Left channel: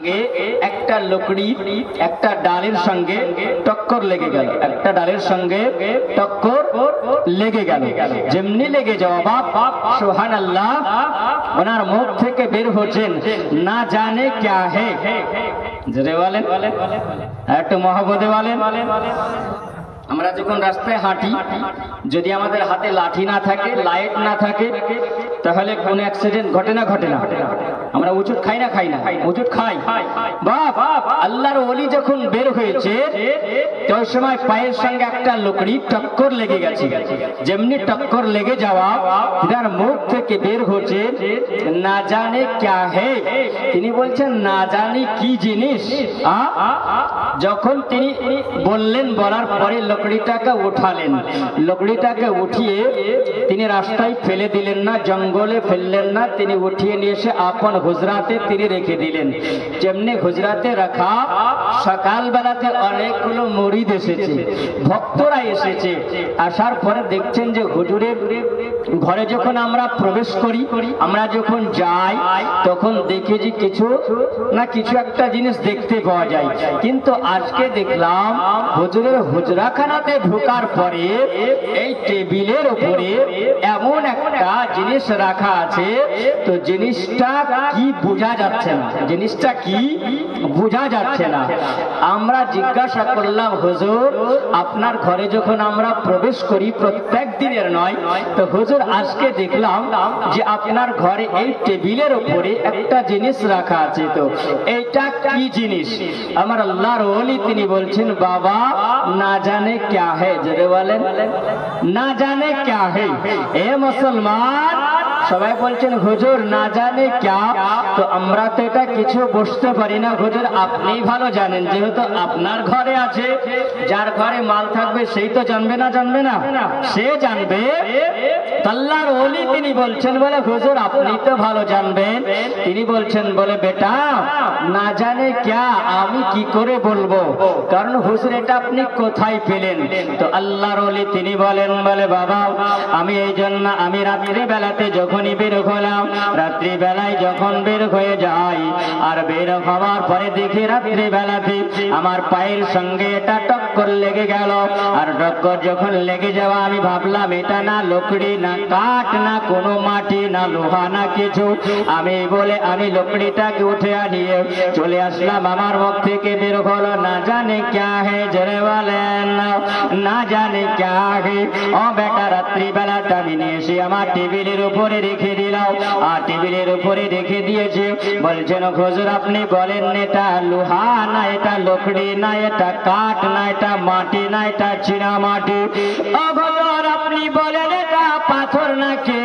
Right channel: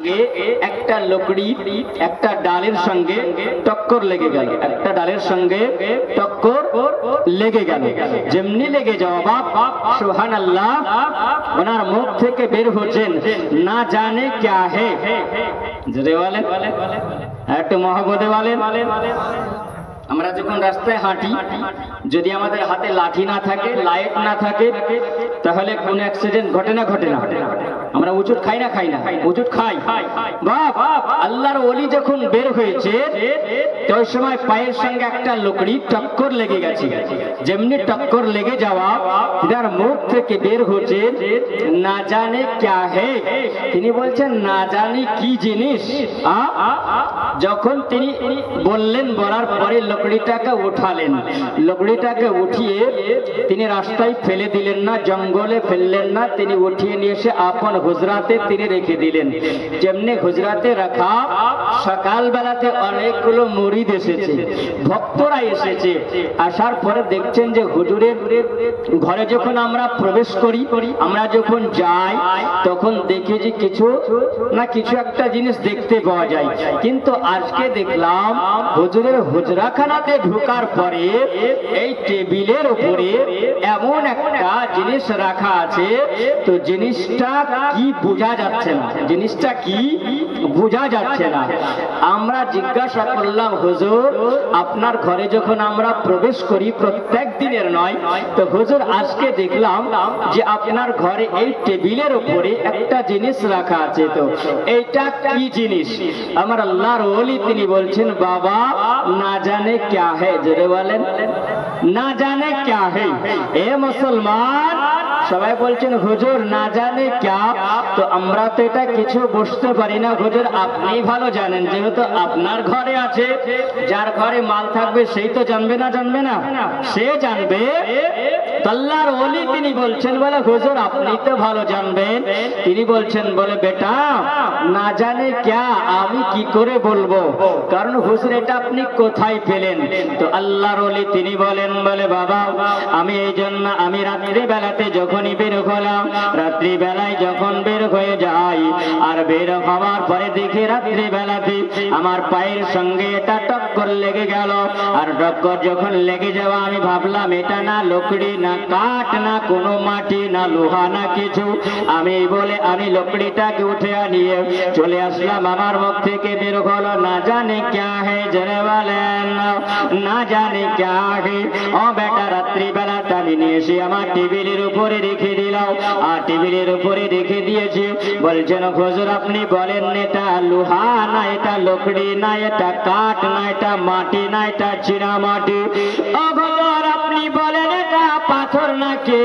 একটা লকড়ি একটা ডালের সঙ্গে টক্কর লেগে গেল, একটা ডালের সঙ্গে টক্কর লেগে গেল। যেমনি লেগে যাওয়া বাপ সুবহানাল্লাহ, ওনার মুখ থেকে বের হচ্ছেন না জানে ক্যা হে। জোরে বলেন, একটু মহব্বতে বলেন। আমরা যখন রাস্তায় হাঁটি, যদি আমাদের হাতে লাঠি না থাকে, লাইট না থাকে, তাহলে কোন অ্যাক্সিডেন্ট ঘটে না ঘটে না? আমরা উচুট খাই না খাই না? উচুট খাই। বাপ আল্লাহর ওলি যখন বের হয়েছে ওই সময় পায়ের সঙ্গে একটা লকড়ি টক্কর লেগে গেছে। যেমনি টক্কর লেগে যাওয়া, তার মুখ থেকে বের হচ্ছে না জানে ক্যা হে। তিনি বলছেন না জানি কি জিনিস। যখন তিনি বললেন, বলার পরে লকড়িটাকে উঠালেন, লকড়িটাকে উঠিয়ে তিনি রাস্তায় ফেলে দিলেন না, জঙ্গলে ফেললেন না, তিনি উঠিয়ে নিয়ে এসে আপন হুজরাতে তিনি রেখে দিলেন। যেমনি হুজরাতে রাখা, সকাল বেলাতে অনেকগুলো মুরিদ এসেছে, ভক্তরা এসেছে। আসার পরে দেখছেন যে হুজুরের ঘরে যখন আমরা প্রবেশ করি, আমরা যখন যাই, তখন দেখি যে কিছু না কিছু একটা জিনিস দেখতে পাওয়া যায়। কিন্তু আজকে দেখলাম হুজুরের হুজরাখানাতে ঢোকার পরে এই টেবিলের উপরে এমন একটা জিনিস রাখা আছে, তো জিনিসটা কি বোঝা যাচ্ছে না, জিনিসটা কি বোঝা যাচ্ছে না। আমরা জিজ্ঞাসা করলাম, হুজুর আপনার ঘরে যখন আমরা প্রবেশ করি, প্রত্যেক দিনের নয়, তো হুজুর আজকে দেখলাম যে আপনার ঘরে এই টেবিলের উপরে একটা জিনিস রাখা আছে, তো এইটা কি জিনিস? আমার আল্লাহর ওলি তিনি বলছেন, বাবা না জানে ক্যা হে। জোরে বলেন, না জানে ক্যা হে। এ মুসলমান, সবাই বলছেন হুজুর না জানে ক্যা, তো আমরা তো এটা কিছু বুঝতে পারি না। হুজুর আপনি ভালো জানেন, যেহেতু আপনার ঘরে আছে, যার ঘরে মাল থাকবে সেই তো জানবে না, জানবে না? সে জানবে। আল্লাহর ওলি তিনি বলছেন, বলে হুজুর আপনি তো ভালো জানবেন। তিনি বলছেন, বলে বেটা না জানে ক্যা আমি কি করে বলবো, কারণ হুজুর এটা আপনি কোথায় পেলেন? তো আল্লাহর ওলি তিনি বলেন, বলে বাবা আমি এই জন্য আমি রাত্রি বেলাতে যখনই বের হলাম, রাত্রি বেলায় যখন বের হয়ে যাই, আর বের হওয়ার পরে দেখি রাত্রি বেলাতে আমার পায়ের সঙ্গে এটা টক্কর লেগে গেল। আর টক্কর যখন লেগে যাওয়া, আমি ভাবলাম এটা না লকড়ি, না কাঠ, না কোনো মাটি, না লোহা, না কিছু। আমি বলে আমি লকড়িটাকে উঠে আনিয়ে চলে আসলাম, আমার মুখ থেকে বের হলো না জানে ক্যা হে। জোরে বলেন, না জানে ক্যা হে। ও বেটা রাত্রি বেলাটা আমি নিয়ে এসে আমার টেবিলের উপরে রেখে দিলাম, আর টেবিলের উপরে রেখে দিয়েছে। বলছেন হুজুর আপনি বলেন এটা লোহা না, এটা লকড়ি না, এটা কাঠ না, এটা মাটি না, এটা চীনা মাটি? আপনি বলেন এটা পাথর নাকি?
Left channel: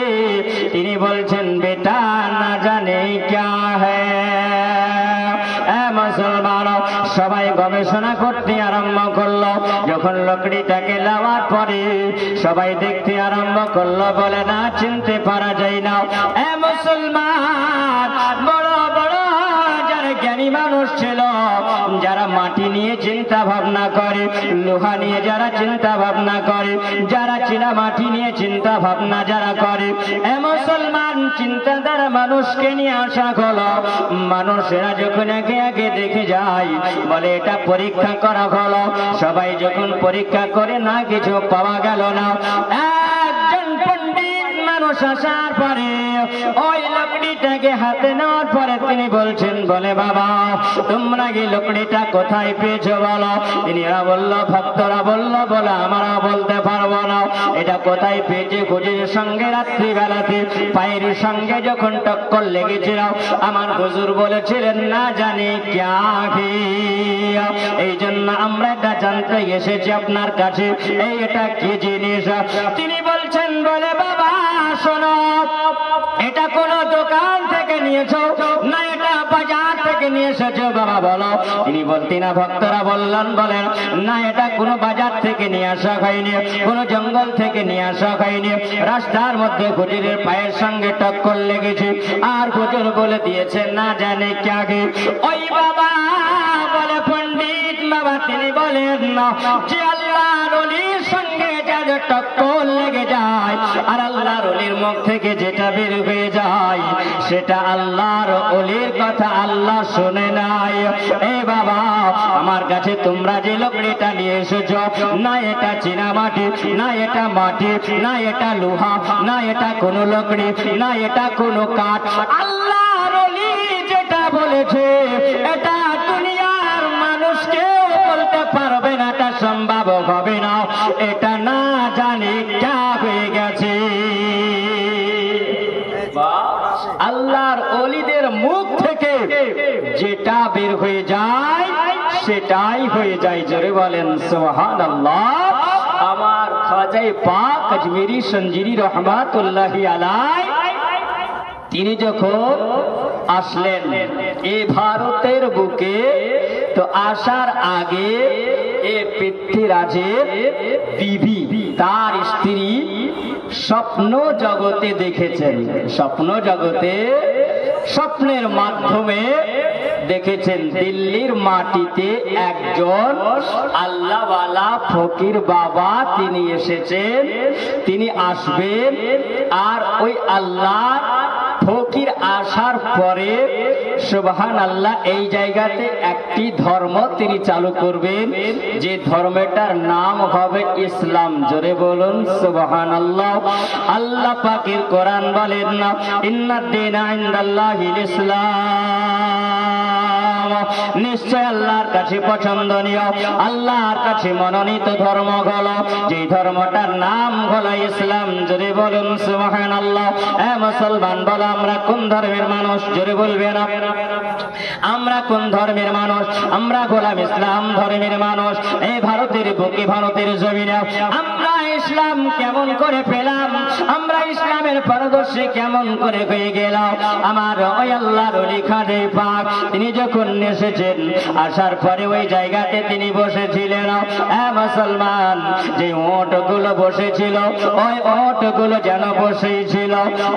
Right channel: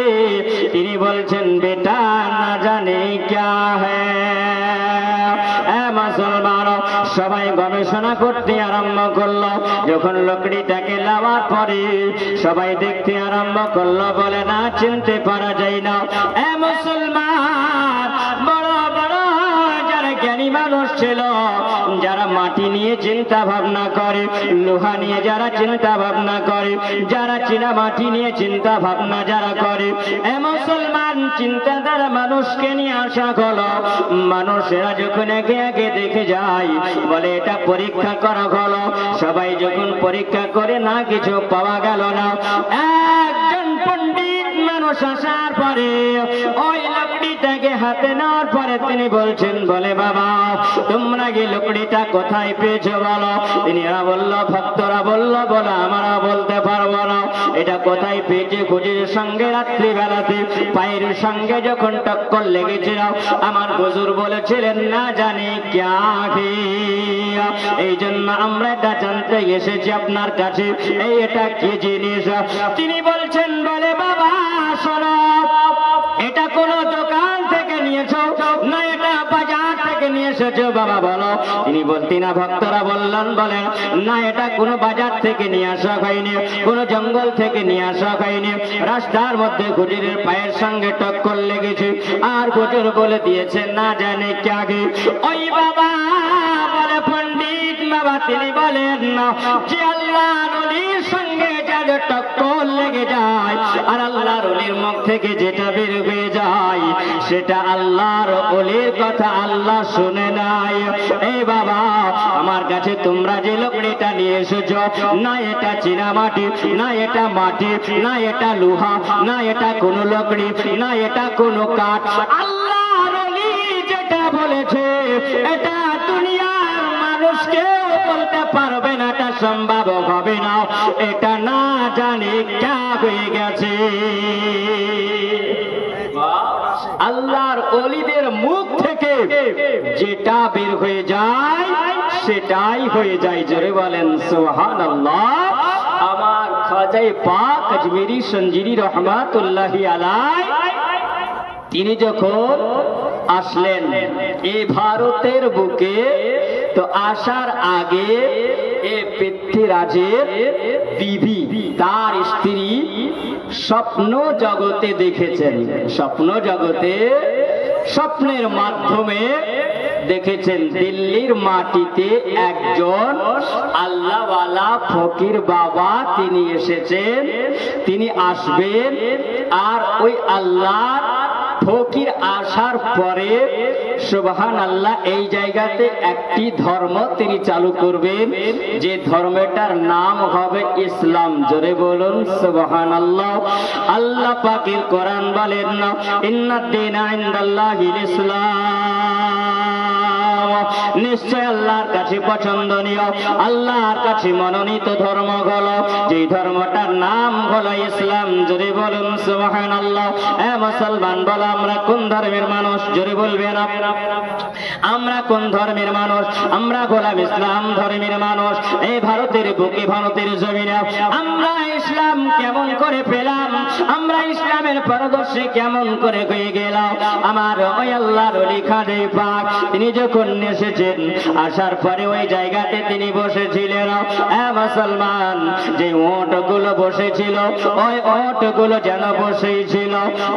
তিনি বলছেন বেটা না জানে ক্যা হ্যাঁ। মুসলমান সবাই গবেষণা করতে আরম্ভ করলো। যখন লকড়িটাকে লাওয়ার পরে সবাই দেখতে আরম্ভ করলো, বলে না চিনতে পারা যায় না। মুসলমান বড় বড় যারা জ্ঞানী মানুষ ছিল, যারা মাটি নিয়ে চিন্তা ভাবনা করে, লোহা নিয়ে যারা চিন্তা ভাবনা করে, যারা চীনা মাটি নিয়ে চিন্তা ভাবনা যারা করে, মুসলমান চিন্তাধারা মানুষকে নিয়ে আসা হলো। মানুষেরা যখন একে একে দেখে যায়, বলে এটা পরীক্ষা করা হলো। সবাই যখন পরীক্ষা করে না কিছু পাওয়া গেল না, একজন পণ্ডিত মানুষ আসার পরে ওই লকড়িটাকে হাতে নেওয়ার পরে তিনি বলছেন, বলে বাবা তোমরা কি লকড়িটা কোথায় পেয়েছো বলো? তিনিরা বলল, ভক্তরা বলল, বলে আমরা বলতে পারবো না এটা কোথায় পেয়েছে। হুজুরের সঙ্গে রাত্রি বেলাতে পায়ের সঙ্গে যখন টক্কর লেগেছিল, আমার হুজুর বলেছিলেন না জানে ক্যা হে। এই জন্য আমরা এটা জানতে এসেছি আপনার কাছে, এই এটা কি জিনিস? তিনি বলছেন, বলে বাবা শোনো, এটা কোন দোকান থেকে নিয়েছো না এটা বাজার থেকে নিয়ে এসেছো? বাবা বলো। তিনি ভক্তরা বললেন, বলেন না এটা কোনো বাজার থেকে নিয়ে আসা হয়নি, কোনো জঙ্গল থেকে নিয়ে আসা হয়নি, রাস্তার মধ্যে হুজুরের পায়ের সঙ্গে টক্কর লেগেছে, আর হুজুর বলে দিয়েছে না জানে ক্যা গে। ওই বাবা বলে পণ্ডিত বাবা তিনি বলেন যে আল্লাহর ওলির সঙ্গে যার টক্কর লেগে যায়, আর আল্লাহর ওলির মুখ থেকে যেটা বের হয়ে যায়, সেটা আল্লাহর ওলির কথা আল্লাহ শুনে নাই। কাছে তোমরা যে লকড়িটা নিয়ে এসেছো, না এটা চীনা মাটি, না এটা মাটি, না এটা লোহা, না এটা কোনো লকড়ি, না এটা কোনো কাঠ, আল্লাহর ওলি যেটা বলেছে এটা দুনিয়ার মানুষ কেউ বলতে পারবে না, এটা সম্ভব হবে না, এটা না জানি কে হয়ে গেছে। আল্লাহর ওলিদের মুখ থেকে যেটা বের হয়ে যায় সেটাই হয়ে যায়। জোরে বলেন সুবহানাল্লাহ। আমার খাজায়ে পাক আজমিরি সঞ্জিরি রহমাতুল্লাহি আলাইহি তিনি যখন আসলেন এই ভারতের বুকে, তো আসার আগে এ পৃথ্বীরাজের বিবি তার স্ত্রী স্বপ্ন জগতে দেখেছেন, স্বপ্ন জগতে স্বপ্নের মাধ্যমে দেখেছেন দিল্লির মাটিতে একজন আল্লাহওয়ালা ফকির বাবা তিনি এসেছেন, তিনি আসবেন, আর ওই আল্লাহ ফকির আসার পরে সুবহানাল্লাহ এই জায়গাতে একটি ধর্ম তিনি চালু করবেন, যে ধর্মটার নাম হবে ইসলাম। জোরে বলুন সুবহানাল্লাহ। আল্লাহ পাকের কোরআন বলেন না, ইন্নাদ-দীনা ইনদাল্লাহিল ইসলাম, নিশ্চয় আল্লাহর কাছে পছন্দনীয়, আল্লাহর কাছে মনোনীত ধর্ম হলো যে ধর্মটার নাম হলো ইসলাম। জোরে বলুন সুবহানাল্লাহ। এ মুসলমান বলো আমরা কোন ধর্মের মানুষ? জোরে বলবেন আমরা কোন ধর্মের মানুষ? আমরা গোলাম ইসলাম ধর্মের মানুষ। এই ভারতের বুকে, ভারতের জমিনে আমরা ইসলাম কেমন করে পেলাম, আমরা ইসলামের পারদর্শী কেমন করে হয়ে গেলাম? আমার ওই আল্লাহর ওলি খাজায়ে পাক তিনি যখন এসেছেন, আসার পরে ওই জায়গাতে তিনি বসেছিলেন। মুসলমান যে ওটগুলো বসেছিল ওই ওটগুলো যেন বসেছিল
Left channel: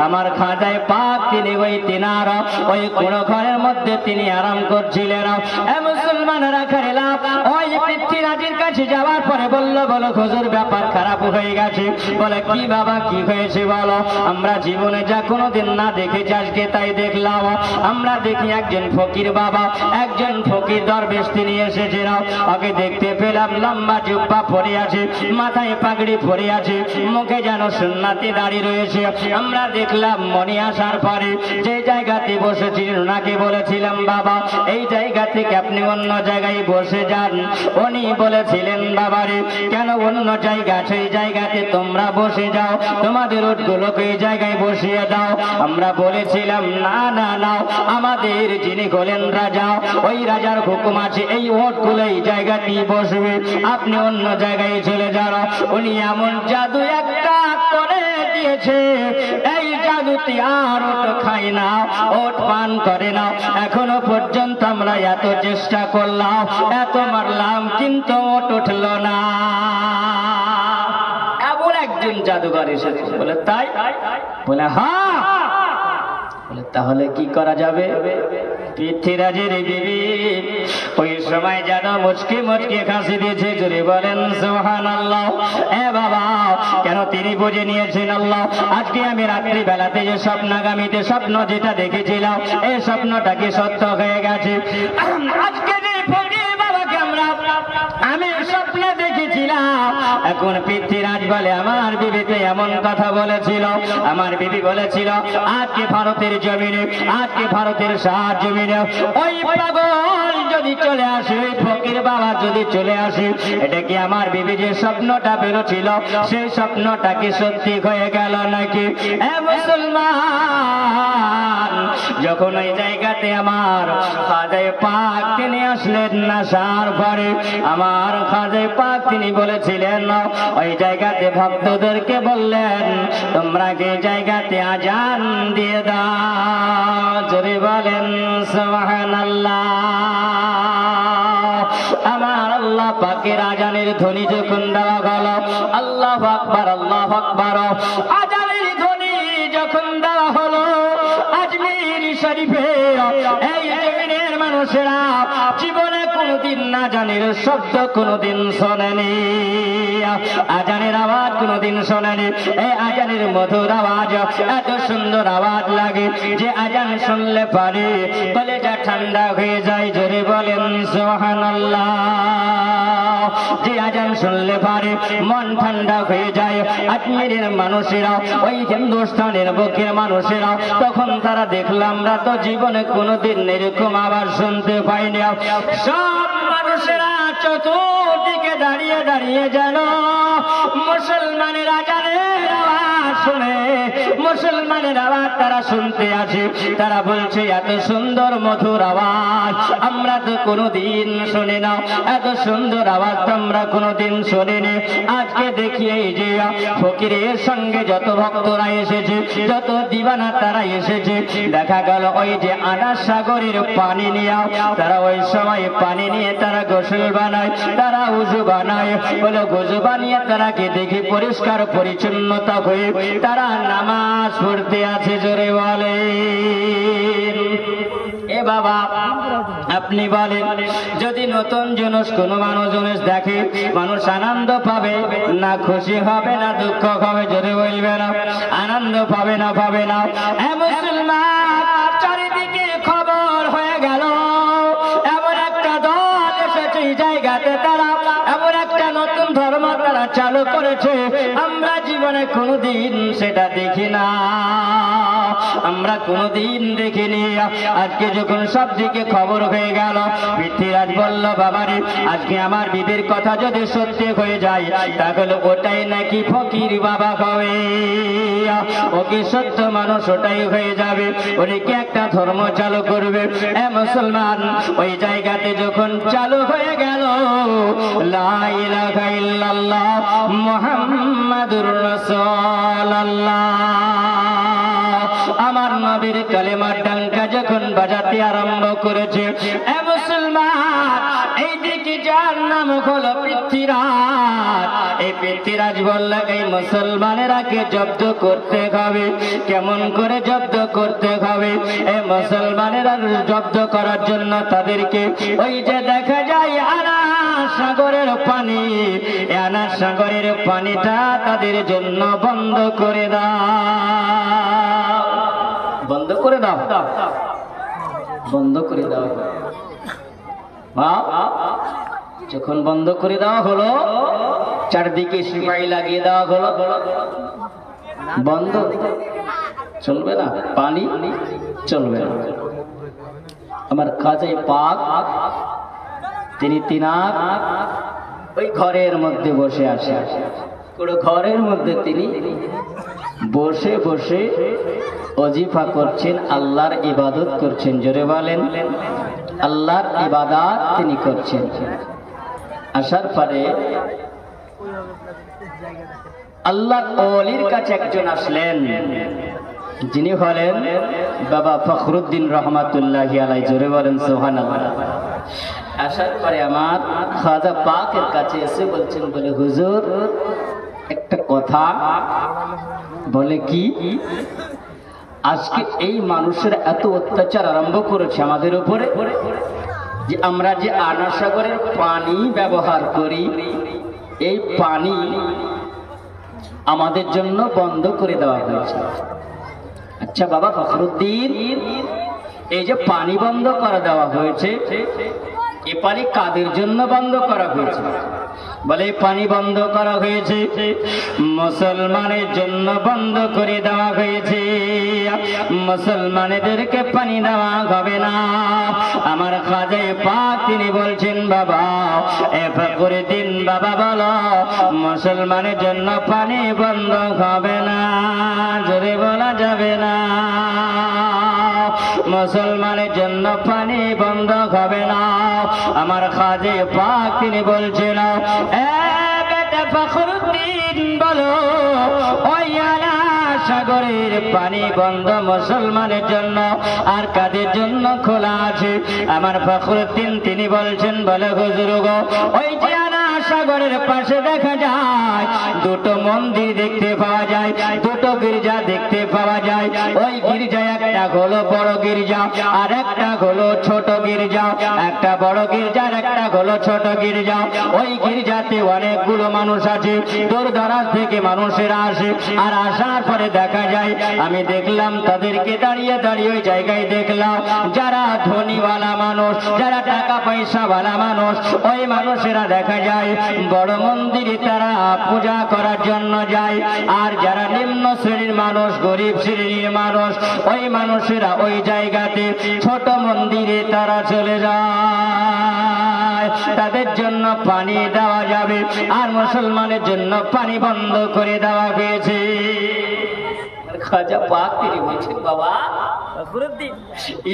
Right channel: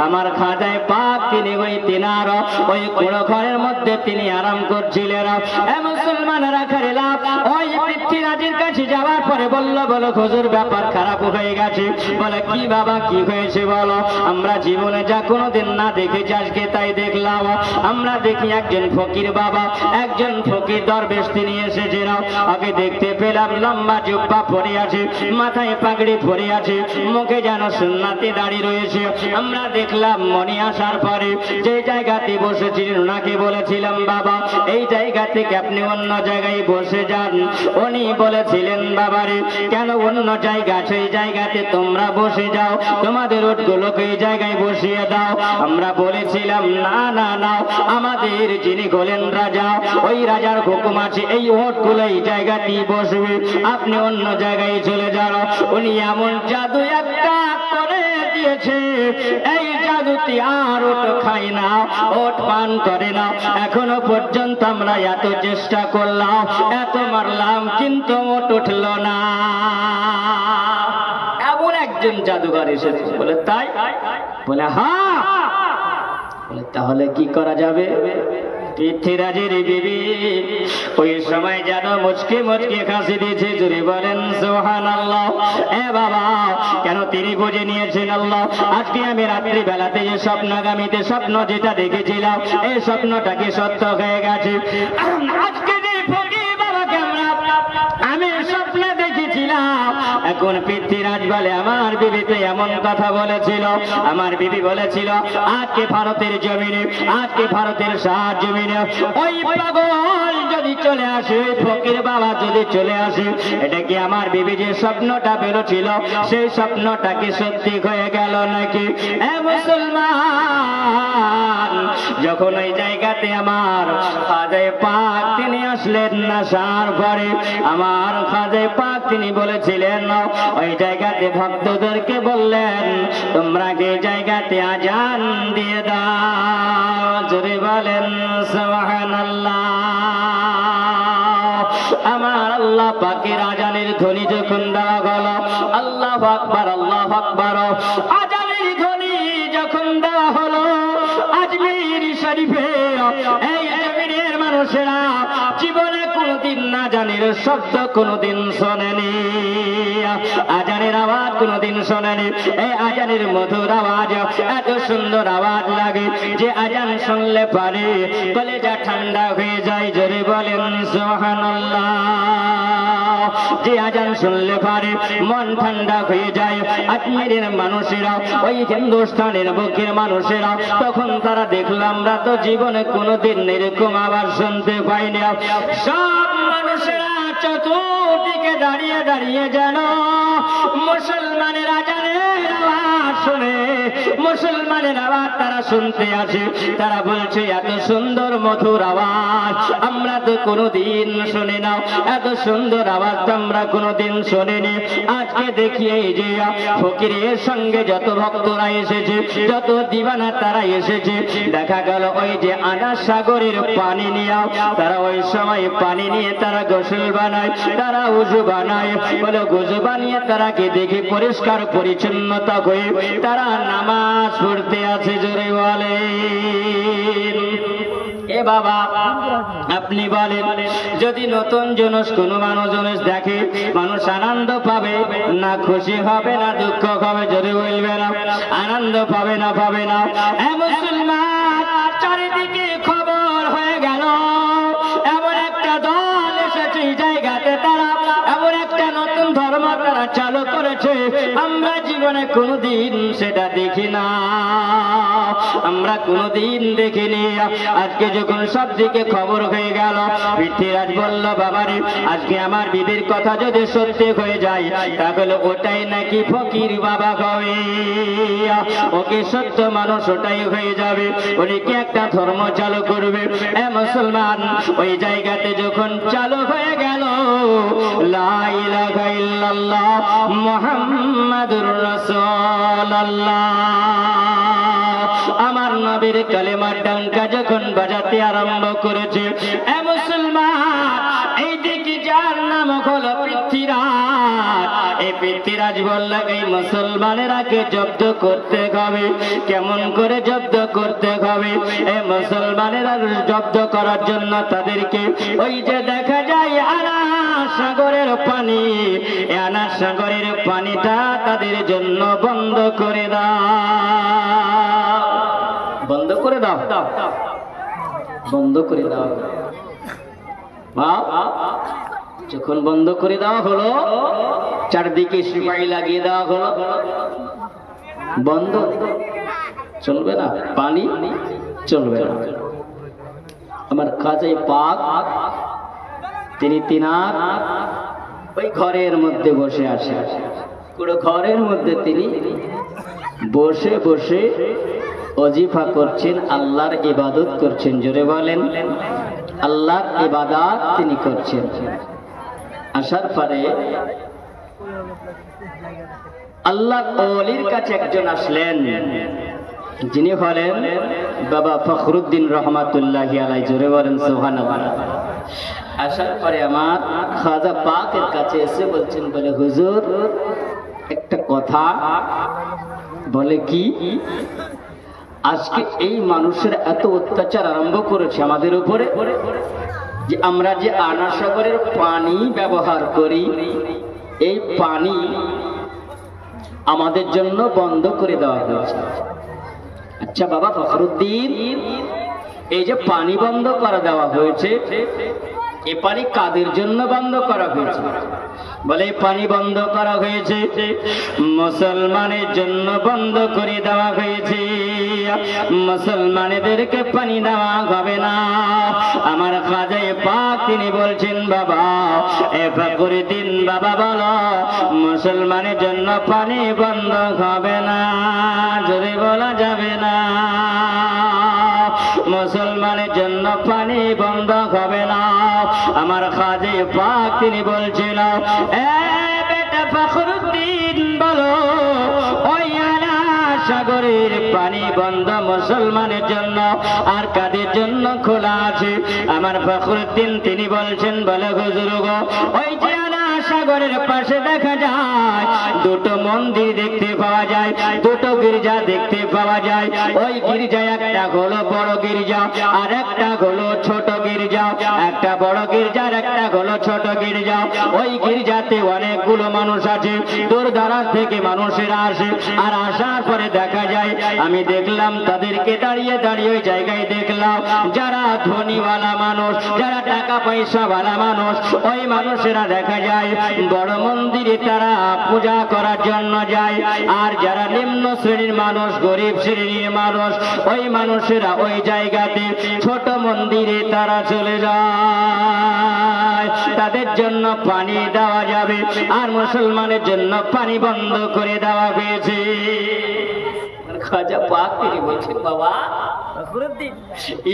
আমার খাজায়ে পাক তিনি ওই তিনার ওই কুড়ো ঘরের মধ্যে তিনি আরাম করছিলেন। মুসলমানেরা খেলাম ওই পৃথ্বীরাজের কাছে যাওয়ার পরে বললো, বলো হুজুর ব্যাপার খারাপ হয়ে গেছে। বলে কি বাবা কি হয়েছে বলো? আমরা জীবনে যা কোনোদিন না দেখেছি আজকে তাই দেখলাম। আমরা দেখি একজন ফকির বাবা, একজন ফকির দরবেশ তিনি এসেছেন, আগে দেখতে পেলাম লম্বা জুব্বা পরে আছে, মাথায় পাগড়ি পরে আছে, মুখে যেন সুন্নাতি দাড়ি রয়েছে। আমরা দেখলাম মনে আসার পরে যে জায়গাতে বসেছিলেন ওনাকে বলেছিলাম, বাবা এই জায়গা থেকে আপনি অন্য জায়গায় বসে যান। উনি বলেছিলেন, বাবারে কেন অন্য জায়গা, সেই জায়গাতে তোমরা বসে যাও, তোমাদের উটগুলোকে এই জায়গায় বসিয়ে দাও। আমরা বলেছিলাম না না না, আমাদের যিনি হলেন রাজা, ওই রাজার হুকুম আছে এই উটগুলো এই জায়গাতেই বসবে, আপনি অন্য জায়গায় চলে যান। উনি এমন জাদু একটা করে দিয়েছে, এই জাদুতে আর ওট খায় না, ওট পান করে না। এখনো পর্যন্ত আমরা এত চেষ্টা করলাম, এত মারলাম, কিন্তু ওট উঠল না। এমন একজন জাদুঘর এসেছে। বলে তাই? বলে হ্যাঁ। বলে তাহলে কি করা যাবে? পৃথ্বীরাজের বিবি ওই সময় যেন মুচকি মুচকি হাসি দিয়েছে। জুড়ে বলেন সুবহানাল্লাহ। এ বাবা কেন তিনি বুঝে নিয়েছেন আল্লাহ আজকে আমি রাত্রি বেলাতে যে স্বপ্নাগামীতে স্বপ্ন যেটা দেখেছিলাম এই স্বপ্নটা কি সত্য হয়ে গেছে। আজকে যে ফকির বাবাকে আমি স্বপ্নে দেখেছিলাম, এখন পৃথ্বীরাজ বলে আমার বিবিতে এমন কথা বলেছিল। আমার বিবি বলেছিল আজকে ভারতের জমিনে, আজকে ভারতের শাহ জমিনে ওই পাগল যদি চলে আসে, ওই ফকির বাবা যদি চলে আসে, এটা কি আমার বিবি যে স্বপ্নটা বেরোছিল সেই স্বপ্নটা কি সত্যি হয়ে গেল নাকি? মুসলমান যখন ওই জায়গাতে আমার খাজায়ে পাক তিনি আসলেন না, সার ঘরে আমার খাজায়ে পাক তিনি বলেছিলেন ওই জায়গাতে ভক্তদেরকে বললেন তোমরা যে জায়গাতে আজান দিয়ে দাও। জোরে বলেন সুবহানাল্লাহ। আমার আল্লাহ পাকের আজানের ধ্বনি যখন দেওয়া গেল, আল্লাহু আকবার আল্লাহু আকবার, আজানের ধ্বনি যখন দেওয়া হলো আজমির শরীফে, এই জমিনের মানুষেরা জীবনে কোনদিন না আজানের শব্দ কোনদিন শোনেনি, আজানের আওয়াজ কোনদিন শোনেনি। এই আজানের মধুর আওয়াজ এত সুন্দর আওয়াজ লাগে যে আজান শুনলে পারে কলেজা ঠান্ডা হয়ে যায়। জোরে বলেন সুবহানাল্লাহ। মানুষেরা, ওই হিন্দুস্তানের বুকের মানুষেরা, তখন তারা দেখলাম আমরা তো জীবনে কোনোদিন এরকম আবার শুনতে পাইনি। সব মানুষেরা চতুর্দিকে দাঁড়িয়ে দাঁড়িয়ে যেন মুসলমানের আজানের আওয়াজ শুনে, মুসলমানের আওয়াজ তারা শুনতে আছে। তারা বলছে এত সুন্দর মধুর আওয়াজ আমরা তো কোনোদিন শুনি না, এত সুন্দর আওয়াজ আমরা কোনোদিন শুনিনি। আজকে দেখি এই যে ফকিরের সঙ্গে যত ভক্তরা এসেছে, যত দিবানা তারা এসেছে, দেখা গেল ওই যে আনাস সাগরের পানি নিয়ে তারা ওই সময় পানি নিয়ে তারা গোসল বানায়, তারা উজু বানায়। বলে গুজু বানিয়ে তারাকে দেখে পরিষ্কার পরিচ্ছন্নতা হয়ে তারা নামাজ পড়তে আছে। জোরে বলে এ বাবা, আপনি বলেন যদি নতুন জিনিস কোনো মানুষ দেখে, মানুষ আনন্দ পাবে না খুশি হবে না দুঃখ হবে? জোরে বলবে না, আনন্দ পাবে না পাবে না? মুসলমান চারিদিকে খবর হয়ে গেল এমন একটা দল এসেছে এই জায়গাতে, তারা এমন একটা নতুন ধর্ম তারা চালু করেছে, আমরা জীবনে কোনোদিন সেটা দেখি না, আমরা কোনোদিন দেখিনি। আজকে যখন সব দিকে খবর হয়ে গেল, পৃথ্বীরাজ বলল বাবারে আজকে আমার বিবির কথা যদি সত্যি হয়ে যায় তাহলে ওটাই নাকি ফকির বাবা হবে, ওকে সত্য মানুষ ওটাই হয়ে যাবে, উনি কি একটা ধর্ম চালু করবে। এ মুসলমান, ওই জায়গাতে যখন চালু হয়ে গেল লা ইলাহা ইল্লাল্লাহ মুহাম্মাদুর রাসূলুল্লাহ, আমার নবীর কালেমার ডাঙ্কা যখন বাজাতে আরম্ভ করেছে, এ মুসলমান এই দিকে যার নাম হলো পৃথ্বীরাজ, এই পৃথ্বীরাজ বলল এই মুসলমানেরাকে জব্দ করতে হবে। কেমন করে জব্দ করতে হবে? এই মুসলমানেরা জব্দ করার জন্য তাদেরকে ওই যে দেখা যায় আনাস সাগরের পানি, আনাস সাগরের পানিটা তাদের জন্য বন্ধ করে দাও, বন্ধ করে দাও, বন্ধ করে দাও। যখন বন্ধ করে দেওয়া হলো, চারদিকে সিপাহি লাগিয়ে দেওয়া হলো, বন্ধ চলবে না, পানি চলবে না। আমার খাজা পাক তিনি তিনার ওই ঘরের মধ্যে বসে আছে, পুরো ঘরের মধ্যে তিনি বসে বসে ওজিফা করছেন, আল্লাহর ইবাদত করছেন। জোরে বলেন, আল্লাহর ইবাদত তিনি করছেন। আসার পরে আল্লাহর ওলির কাছে একজন আসলেন, যিনি হলেন বাবা ফখরুদ্দিন রহমাতুল্লাহি আলাইহি। জোরে বলেন সুবহানাল্লাহ। আসার পরে আমার খাজা পাকের কাছে এসে বলছেন, বলে হুজুর একটা কথা। বলে কি? আজকে এই মানুষের এত অত্যাচার আরম্ভ করেছে আমাদের উপরে, যে আমরা যে আনাস সাগরের পানি ব্যবহার করি, এই পানি আমাদের জন্য বন্ধ করে দেওয়া হয়েছে। আচ্ছা বাবা ফখরুদ্দিন, এই যে পানি বন্ধ করে দেওয়া হয়েছে, এ পানি কাদের জন্য বন্ধ করা হয়েছে? বলে পানি বন্ধ করা হয়েছে মুসলমানের জন্য বন্ধ করে দেওয়া হয়েছে, মুসলমানদেরকে পানি দেওয়া হবে না। আমার খাজা পাক তিনি বলছেন, বাবা এ ফখরুদ্দিন বাবা বলো মুসলমানের জন্য পানি বন্ধ হবে না। জোরে বলা যাবে না, মুসলমানের জন্য পানি বন্ধ হবে না। আমার খাজা পাক তিনি বলছিল, এ বেটা ফখরুদ্দিন বলো ওই আনাস সাগরের পানি বন্ধ মুসলমানের জন্য আর কাদের জন্য খোলা আছে? আমার ফখরুদ্দিন তিনি বলছেন, বলে হুজুর গো ওই যে আনাস সাগরের পাশে দেখা যায় দুটো মন্দির দেখতে পাওয়া যায়, দুটো গির্জা দেখতে পাওয়া যায়। ওই গির্জা একটা হলো বড় গির্জা আর একটা হলো ছোট গির্জা, একটা বড় গির্জার একটা হলো ছোট গির্জা। ওই গির্জাতে অনেকগুলো মানুষ আছে, দূর দরাজ থেকে মানুষেরা আসে, আর আসার পরে দেখা যায় আমি দেখলাম তাদেরকে দাঁড়িয়ে দাঁড়িয়ে ওই জায়গায় দেখলাম যারা ধনীওয়ালা মানুষ, যারা টাকা পয়সা वाला মানুষ, ওই মানুষেরা দেখা যায় বড় মন্দিরে তারা পূজা করার জন্য যায়। আর যারা নিম্ন শ্রেণীর মানুষ, গরিব শ্রেণীর মানুষ, ওই মানুষেরা ওই জায়গাতে ছোট মন্দিরে তারা চলে যায়। তাদের জন্য পানি দেওয়া যাবে, আর মুসলমানের জন্য পানি বন্ধ করে দেওয়া হয়েছে। খাজা পাক তিনি বলছেন, বাবা ফখরুদ্দিন,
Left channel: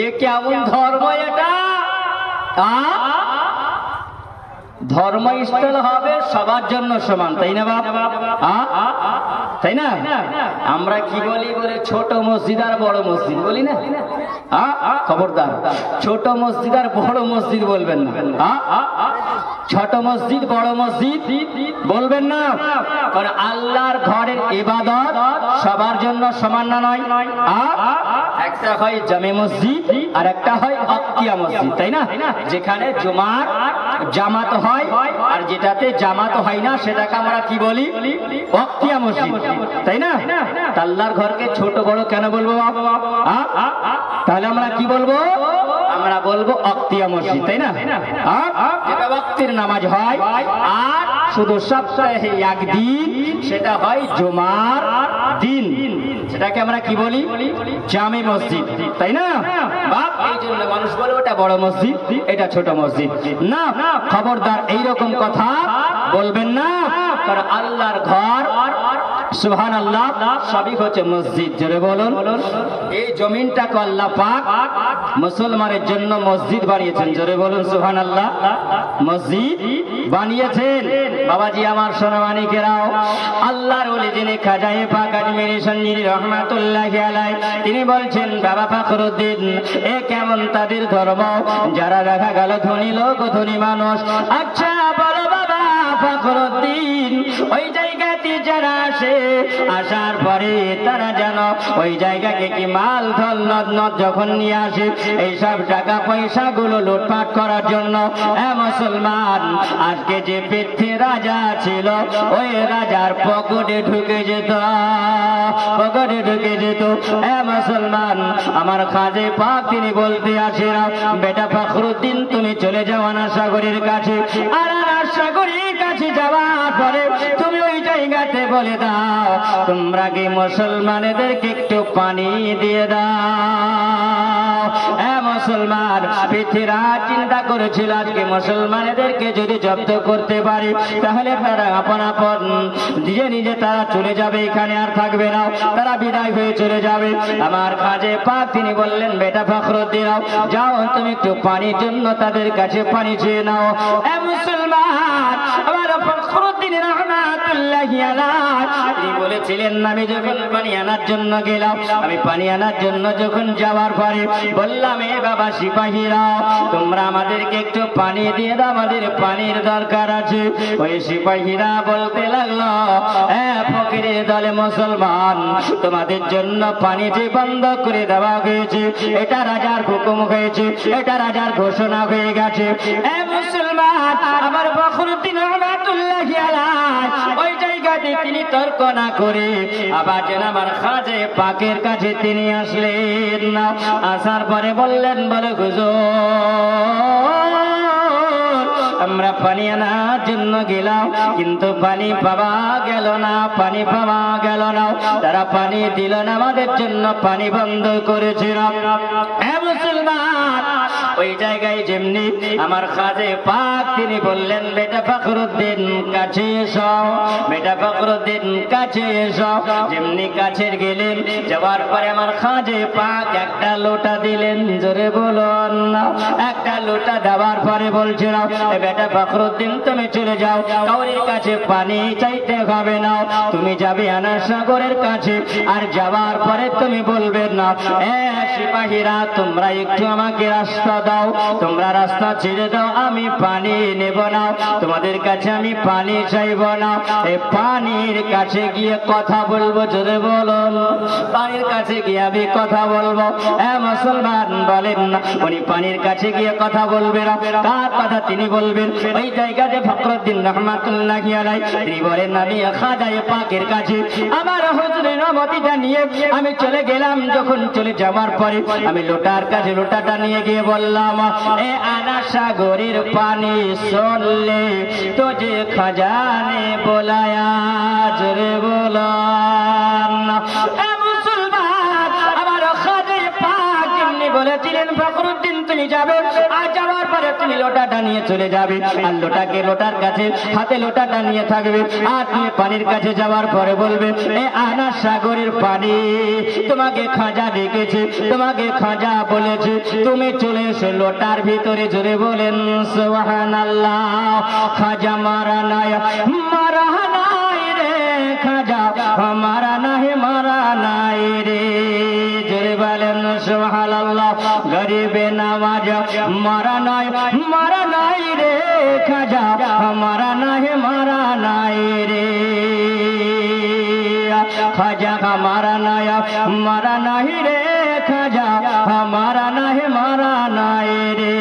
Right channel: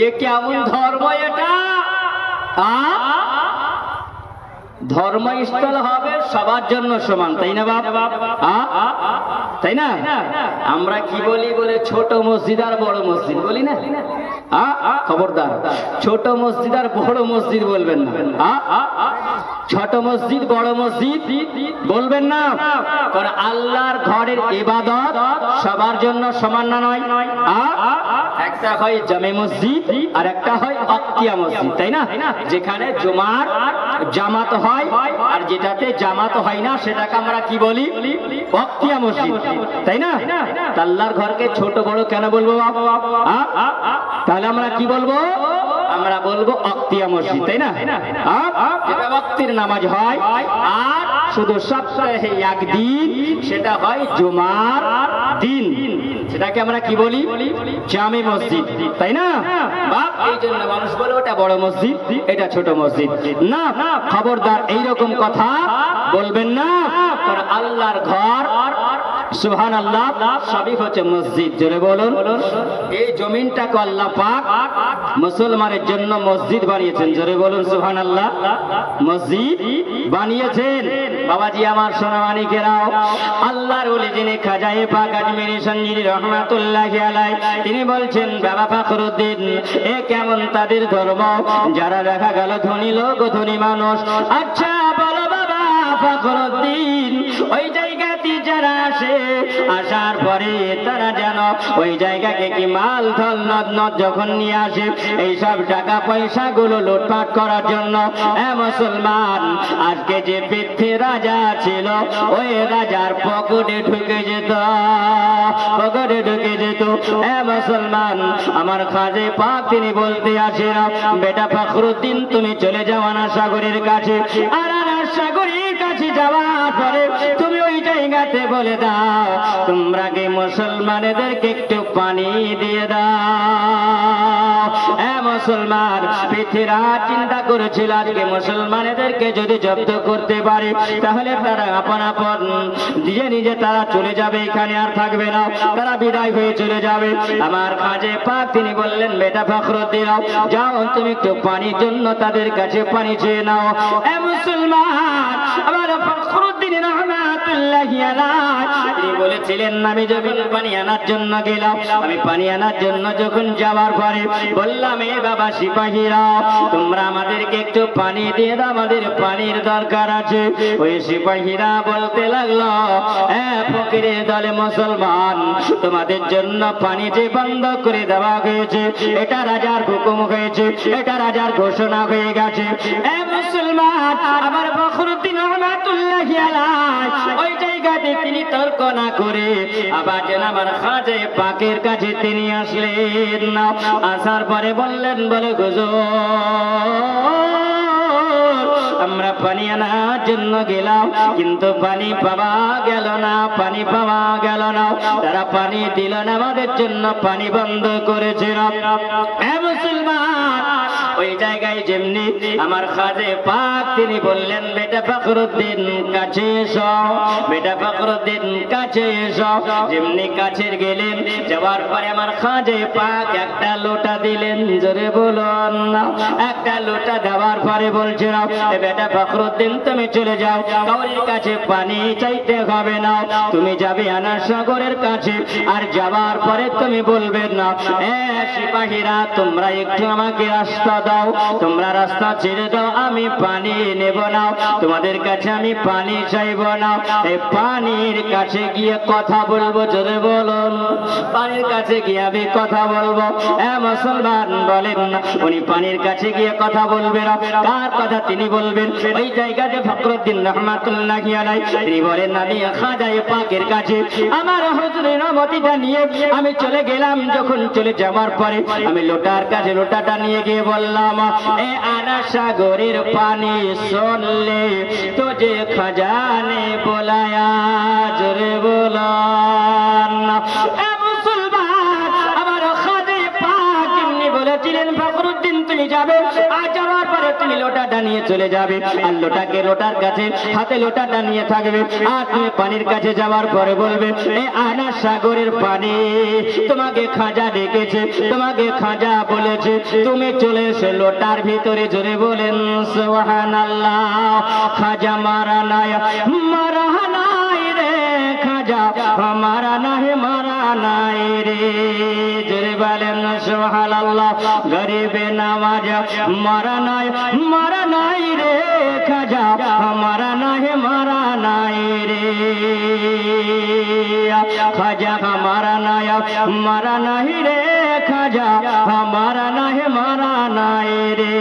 এ কেমন ধর্ম এটা? ধর্মস্থল হবে সবার জন্য সমান, তাই না বাবা? তাই না? আমরা কি বলি বলে ছোট মসজিদ আর বড় মসজিদ বলি না? খবরদার, ছোট মসজিদ আর বড় মসজিদ বলবেন না। ছোট মসজিদ বড় মসজিদ বলবেন না, কারণ আল্লাহর ঘরের ইবাদত সবার জন্য সমান না নয়। একটা হয় জামে মসজিদ আর একটা হয় আকিয়া মসজিদ, তাই না? যেখানে জুমার জামাত হয় আর যেটাতে জামাত হয় না সেটাকে আমরা কি বলি? আকিয়া মসজিদ, তাই না? আল্লাহর ঘরকে ছোট বড় কেন বলবো? তাহলে আমরা কি বলবো? আমরা বলবো আকিয়া মসজিদ, তাই না? যেটা ওয়াক্তের নামাজ হয় আর শুধু সপ্তাহে একদিন, সেটা হয় জুমার দিন, সেটাকে আমরা কি বলি? জামে মসজিদ, তাই না? এই জন্য মানুষ বলে ওটা বড় মসজিদ, এটা ছোট মসজিদ। না, খবরদার এইরকম কথা বলবেন না, কারণ আল্লাহর ঘর সুবহানাল্লাহ সবই হচ্ছে মসজিদ। জোরে বলুন। এই জমিনটাকে আল্লাহ পাক মুসলমানের জন্য মসজিদ বানিয়েছেন। জোরে বলুন সুবহানাল্লাহ। মসজিদ বানিয়েছেন। বাবাজি আমার সোনামানিকেরাও, আল্লাহর ওলি যিনি খাজায়ে পাক আজমিরি সঞ্জিরি রহমাতুল্লাহি আলাইহি, তিনি বলছেন, বাবা ফখরুদ্দিন, এ কেমন তাদের ধর্ম যারা দেখা গেল ধনী লোক, ধনী মানুষ। আচ্ছা বলো বাবা ফখরুদ্দিন, ওই জায়গাতে যারা আসে, আসার পরে তারা যেন ওই জায়গাকে কি মাল ধন নদ নদ যখন নিয়ে আসে, এইসব টাকা পয়সা গুলো লুটপাট করার জন্য, মুসলমান আজকে যে পৃথ্বী রাজা ছিল, ওই রাজার পকেটে ঢুকে যেত, পকেটে ঢুকে যেত। মুসলমান আমার খাজে পাক তিনি বলতে আসেন, বেটা ফখরুদ্দিন, তুমি চলে যাও আনা সাগরের কাছে, আর আনা সাগরের কাছে যাওয়ার পরে তুমি ওই জায়গাতে বলে দাও, তোমরা কি মুসলমানদেরকে একটু পানি দিয়ে দাও। মুসলমান পৃথিবীরা চিন্তা করেছিল আজকে মুসলমানদেরকে যদি জব্দ করতে পারে, তাহলে তারা আপন আপন নিজে নিজে তারা চলে যাবে, এখানে আর থাকবে না, তারা বিদায় হয়ে চলে যাবে। আমার খাজে পাক তিনি বললেন, বেটা ফখরুদ্দিন, যাও তুমি একটু পানির জন্য তাদের কাছে পানি চেয়ে নাও। মুসলমান আমার ফখরুদ্দিন রহমাতুল্লাহি আলাইহি তিনি বলেছিলেন, আমি যখন পানি আনার জন্য গেলাম, আমি পানি আনার জন্য যখন যাওয়ার পরে বললাম, এ বাবা সিপাহীরা, তোমরা আমাদেরকে একটু পানি দিয়ে দাও, আমাদের পানির দরকার আছে। ওই সিপাহীরা বলতে লাগলো, ফকিরের দলে মুসলমান, তোমাদের জন্য পানি যে বন্ধ করে দেওয়া হয়েছে, এটা রাজার হুকুম হয়েছে, এটা রাজার ঘোষণা হয়ে গেছে। মুসলমান আমার ফখরুদ্দিন রহমাতুল্লাহি আলাইহি ওই জায়গাতে তিনি তর্ক না করে আবার যেন আমার খাজে পাকের কাছে তিনি আসলেন না। আসার পরে বললেন, বলে হুজুর, আমরা পানি আনার জন্য গেলাম, কিন্তু পানি পাওয়া গেল না, পানি পাওয়া গেল না, তারা পানি দিল না, আমাদের জন্য পানি বন্ধ করেছিল। মুসলমান ওই জায়গায় যেমনি আমার খাজে পাক তিনি বললেন, বেটা ফখরুদ্দিন কাছে এসো, বেটা ফখরুদ্দিন কাছে এসো। যেমনি কাছে গেলেন, যাওয়ার পরে আমার খাজে পাক একটা লোটা দিলেন। জোরে বলুন না। একটা লোটা দেওয়ার পরে বলছিল, বেটা ফখরুদ্দিন তুমি চলে যাও, কাউরির কাছে পানি চাইতে হবে না, তুমি যাবে আনা সাগরের কাছে, আর যাওয়ার পরে তুমি বলবে না, সিপাহীরা তোমরা একটু আমাকে রাস্তা দাও, তোমরা রাস্তা ছেড়ে দাও, আমি পানি নেব না, তোমাদের কাছে আমি পানি চাইব না। এই পানির কাছে গিয়ে কথা বলবো। জোরে বলুন, পানির কাছে গিয়ে আমি কথা বলবো। মুসলমান বলেন, উনি পানির কাছে গিয়ে কথা বলবেন, কার কথা তিনি বলবেন? ওই জায়গাতে ফখরুদ্দিন রহমাতুল্লাহি আলাইহি তিনি বলেন, আমি খাজায়ে পাকের কাছে আমার হুজুরের অনুমতিটা নিয়ে আমি চলে গেলাম। যখন চলে যাওয়ার পরে আমি লোটার কাছে লোটাটা নিয়ে গিয়ে বললাম, এ আনা সাগরের পানি শুনলে তুঝে খাজা নে বুলায়া, জোরে বলো না। এ মুসলমান, আমার খাজায়ে পাক এমনি বলেছিলেন, ফখরুদ্দিন তুমি যাবে, আর যাওয়ার পরে তুমি লোটাটা নিয়ে চলে যাবে, আর লোটাকে লোটার কাছে হাতে লোটাটা নিয়ে থাকবে, আর তুমি পানির কাছে যাওয়ার পরে বলবে, এ আনা সাগরের পানি, তোমাকে খাজা ডেকেছে, তোমাকে খাজা বলেছে তুমি চলে এসো লোটার ভিতরে। জোরে বলেন সুবহানাল্লাহ। খাজা মারা নাই, মারা নাই রে খাজা, মারা নাই, মারা নাই রে। জোরে বলেন সুবহানাল্লাহ। গরিবে নামাজ মারা নাই, মারা নাই রে খাজা, মারা নাই, মারা নাই রে খাজা, মারা নাই, মারা নাই রে খাজা, মারা নাই, মারা নাই রে।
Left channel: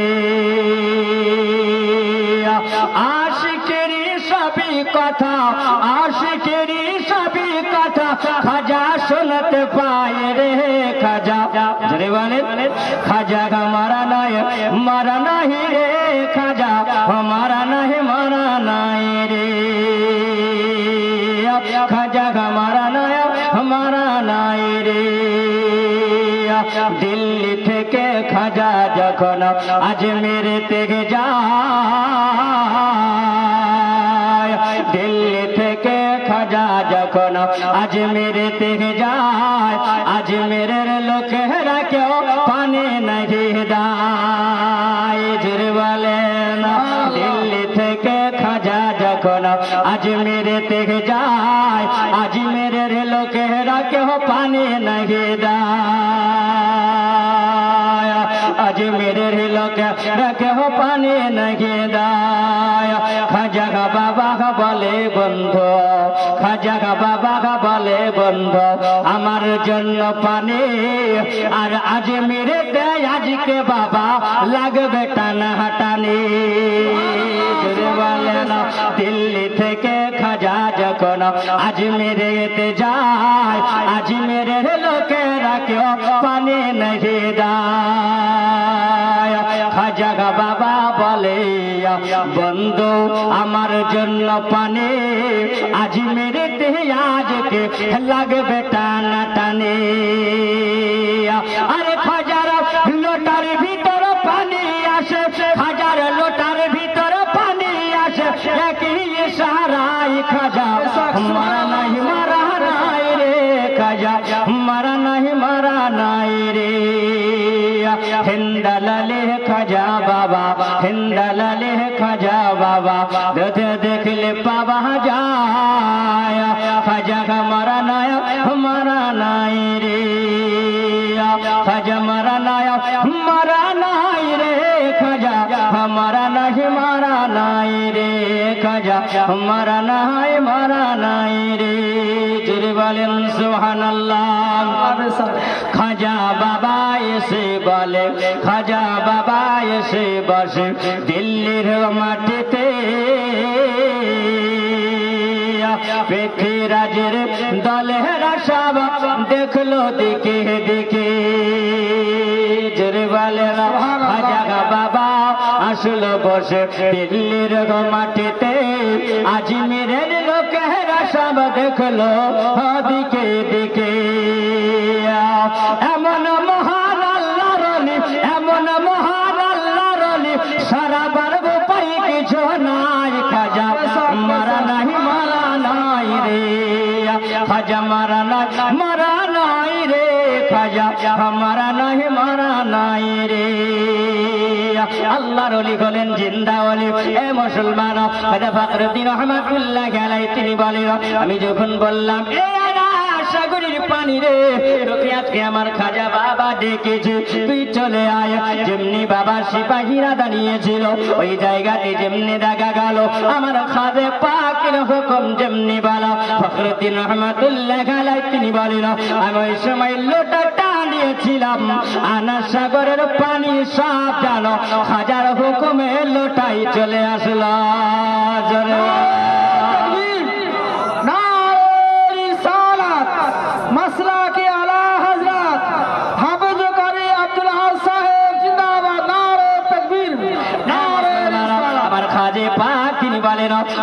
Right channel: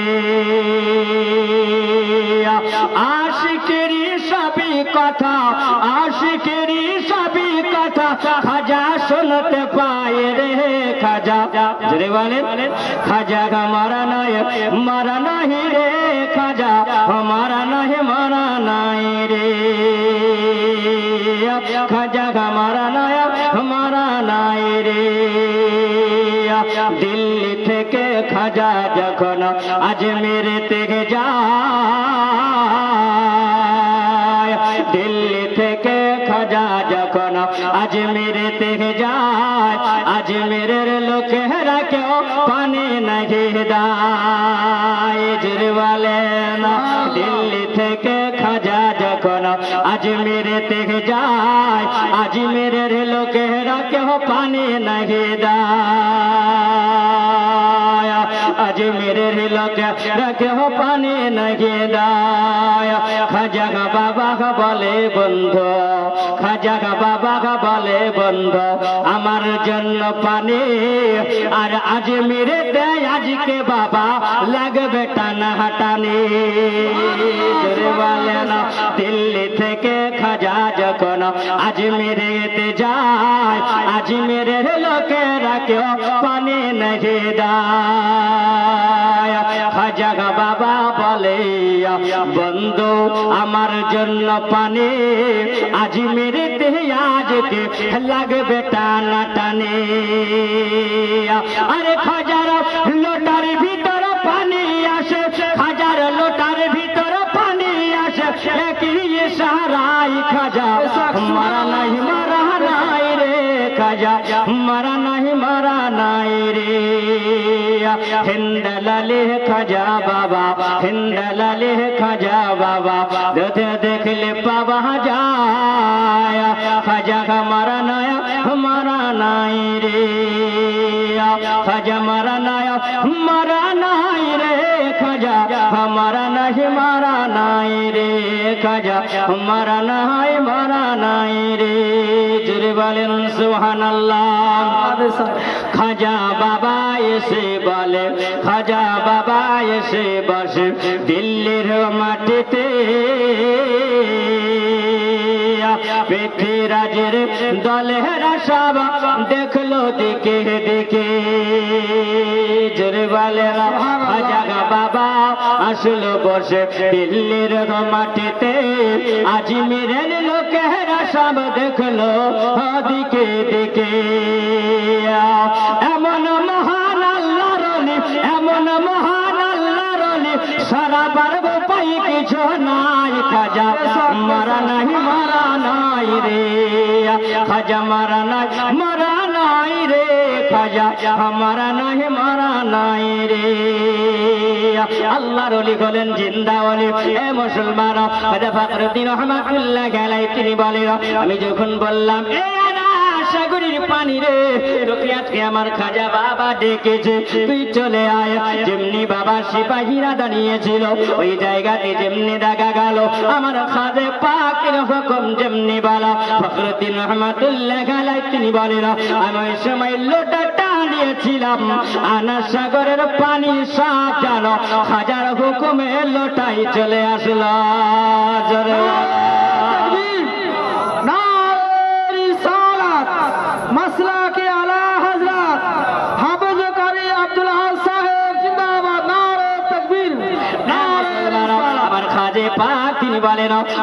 আশিকেরই সবই কথা, আশিকেরই সবই কথা খাজা শুনতে পায় রে খাজা। জোরে বলেন, খাজা মারা নাই, মারা নাই রে খাজা, মারা নাই, মারা নাই রে খাজা, মারা নাই, মারা নাই রে। দিল্লি থেকে খাজা যখন আজমেরে থেকে যায়, দিল্লি থেকে খাজা যখন আজমেরে থেকে যায়, আজমেরের লোকেরা কেউ পানে নাহি দেয়। জোরে বলেন, দিল্লি থেকে খাজা যখন আজমেরে থেকে যায়, আজমেরের লোকেরা কেউ পানে নাহি দেয়, আজমেরের লোকেরা কেউ পানে নাহি দেয়। খাজা বাবা বলে বন্ধু, খাজা বাবা বলে বন্ধু, আমার জন্য পানি আর আজমেরে দেয় আজকে বাবা লাগবে টানা হাটানি। জোরে বলেন, দিল্লি থেকে খাজা যখন আজমেরেতে যায়, আজমেরের লোকেরা কেউ পানি নাহি দেয়। খাজা বাবা বলে বন্ধু, আমার জন্য পানি আজমেরেতে আজকে লাগবে টানা টানে। আরে খাজার লোটার ভিতর পানি আসে, খাজার লোটার ভিতর পানি আসে, একই ইশারায় খাজা মারা নাই, মারা নাই রে খাজা, মারা নাই, মারা নাই রে। হিন্দালালে খাজা বাবা, হিন্দালালে খাজা বাবা, দেখলে পাওয়া যায়, খাজা মারা নাই, মারা নাই রে খাজা, মারা নাই, মারা নাই রে খাজা, মারা নাই, মারা নাই রে খাজা, মারা নাই, মারা নাই রে। জোরে বলেন সুবহানাল্লাহ। খাজা বাবা এসে বলে, খাজা বাবা এসে বসে দিল্লির মাটিতে, পৃথ্বীরাজের দলের সব দেখলো দিকে দিকে। জোরে বলে, খাজা বাবা আসলো বসে দিল্লির মাটিতে, আজমেরের লোকেরা সব দেখলো দিকে দিকে। এমন মহান আল্লাহর অলি, এমন মহান আল্লাহর অলি, সারা পারব পাই কিছু নাই। খাজা মারা নাই, মারা নাই রে খাজা, মারা নাই, মারা নাই রে খাজা, মারা নাই, মারা নাই রে। আল্লাহর ওলি হলেন জিন্দা ওলি। এ মুসলমান, খাজা ফখরুদ্দিন রহমাতুল্লাহি আলাইহি তিনি বলেন, আমি যখন বললাম এ আনা সাগরের পানি রে, তোকে আজকে আমার খাজা বাবা ডেকেছে, তুই চলে আয়। যেমনি বাবা সিপাহীরা দাঁড়িয়েছিল ওই জায়গাতে যেমনি দেখা গেল আমার খাজা পাকের হুকুম যেমনি বলা, ফখরুদ্দিন রহমাতুল্লাহি আলাইহি তিনি বলেন, আমি ওই সময় লোটাটা নিয়েছিলাম, আনা সাগরের পানি সব লোটাই চলে আসলো।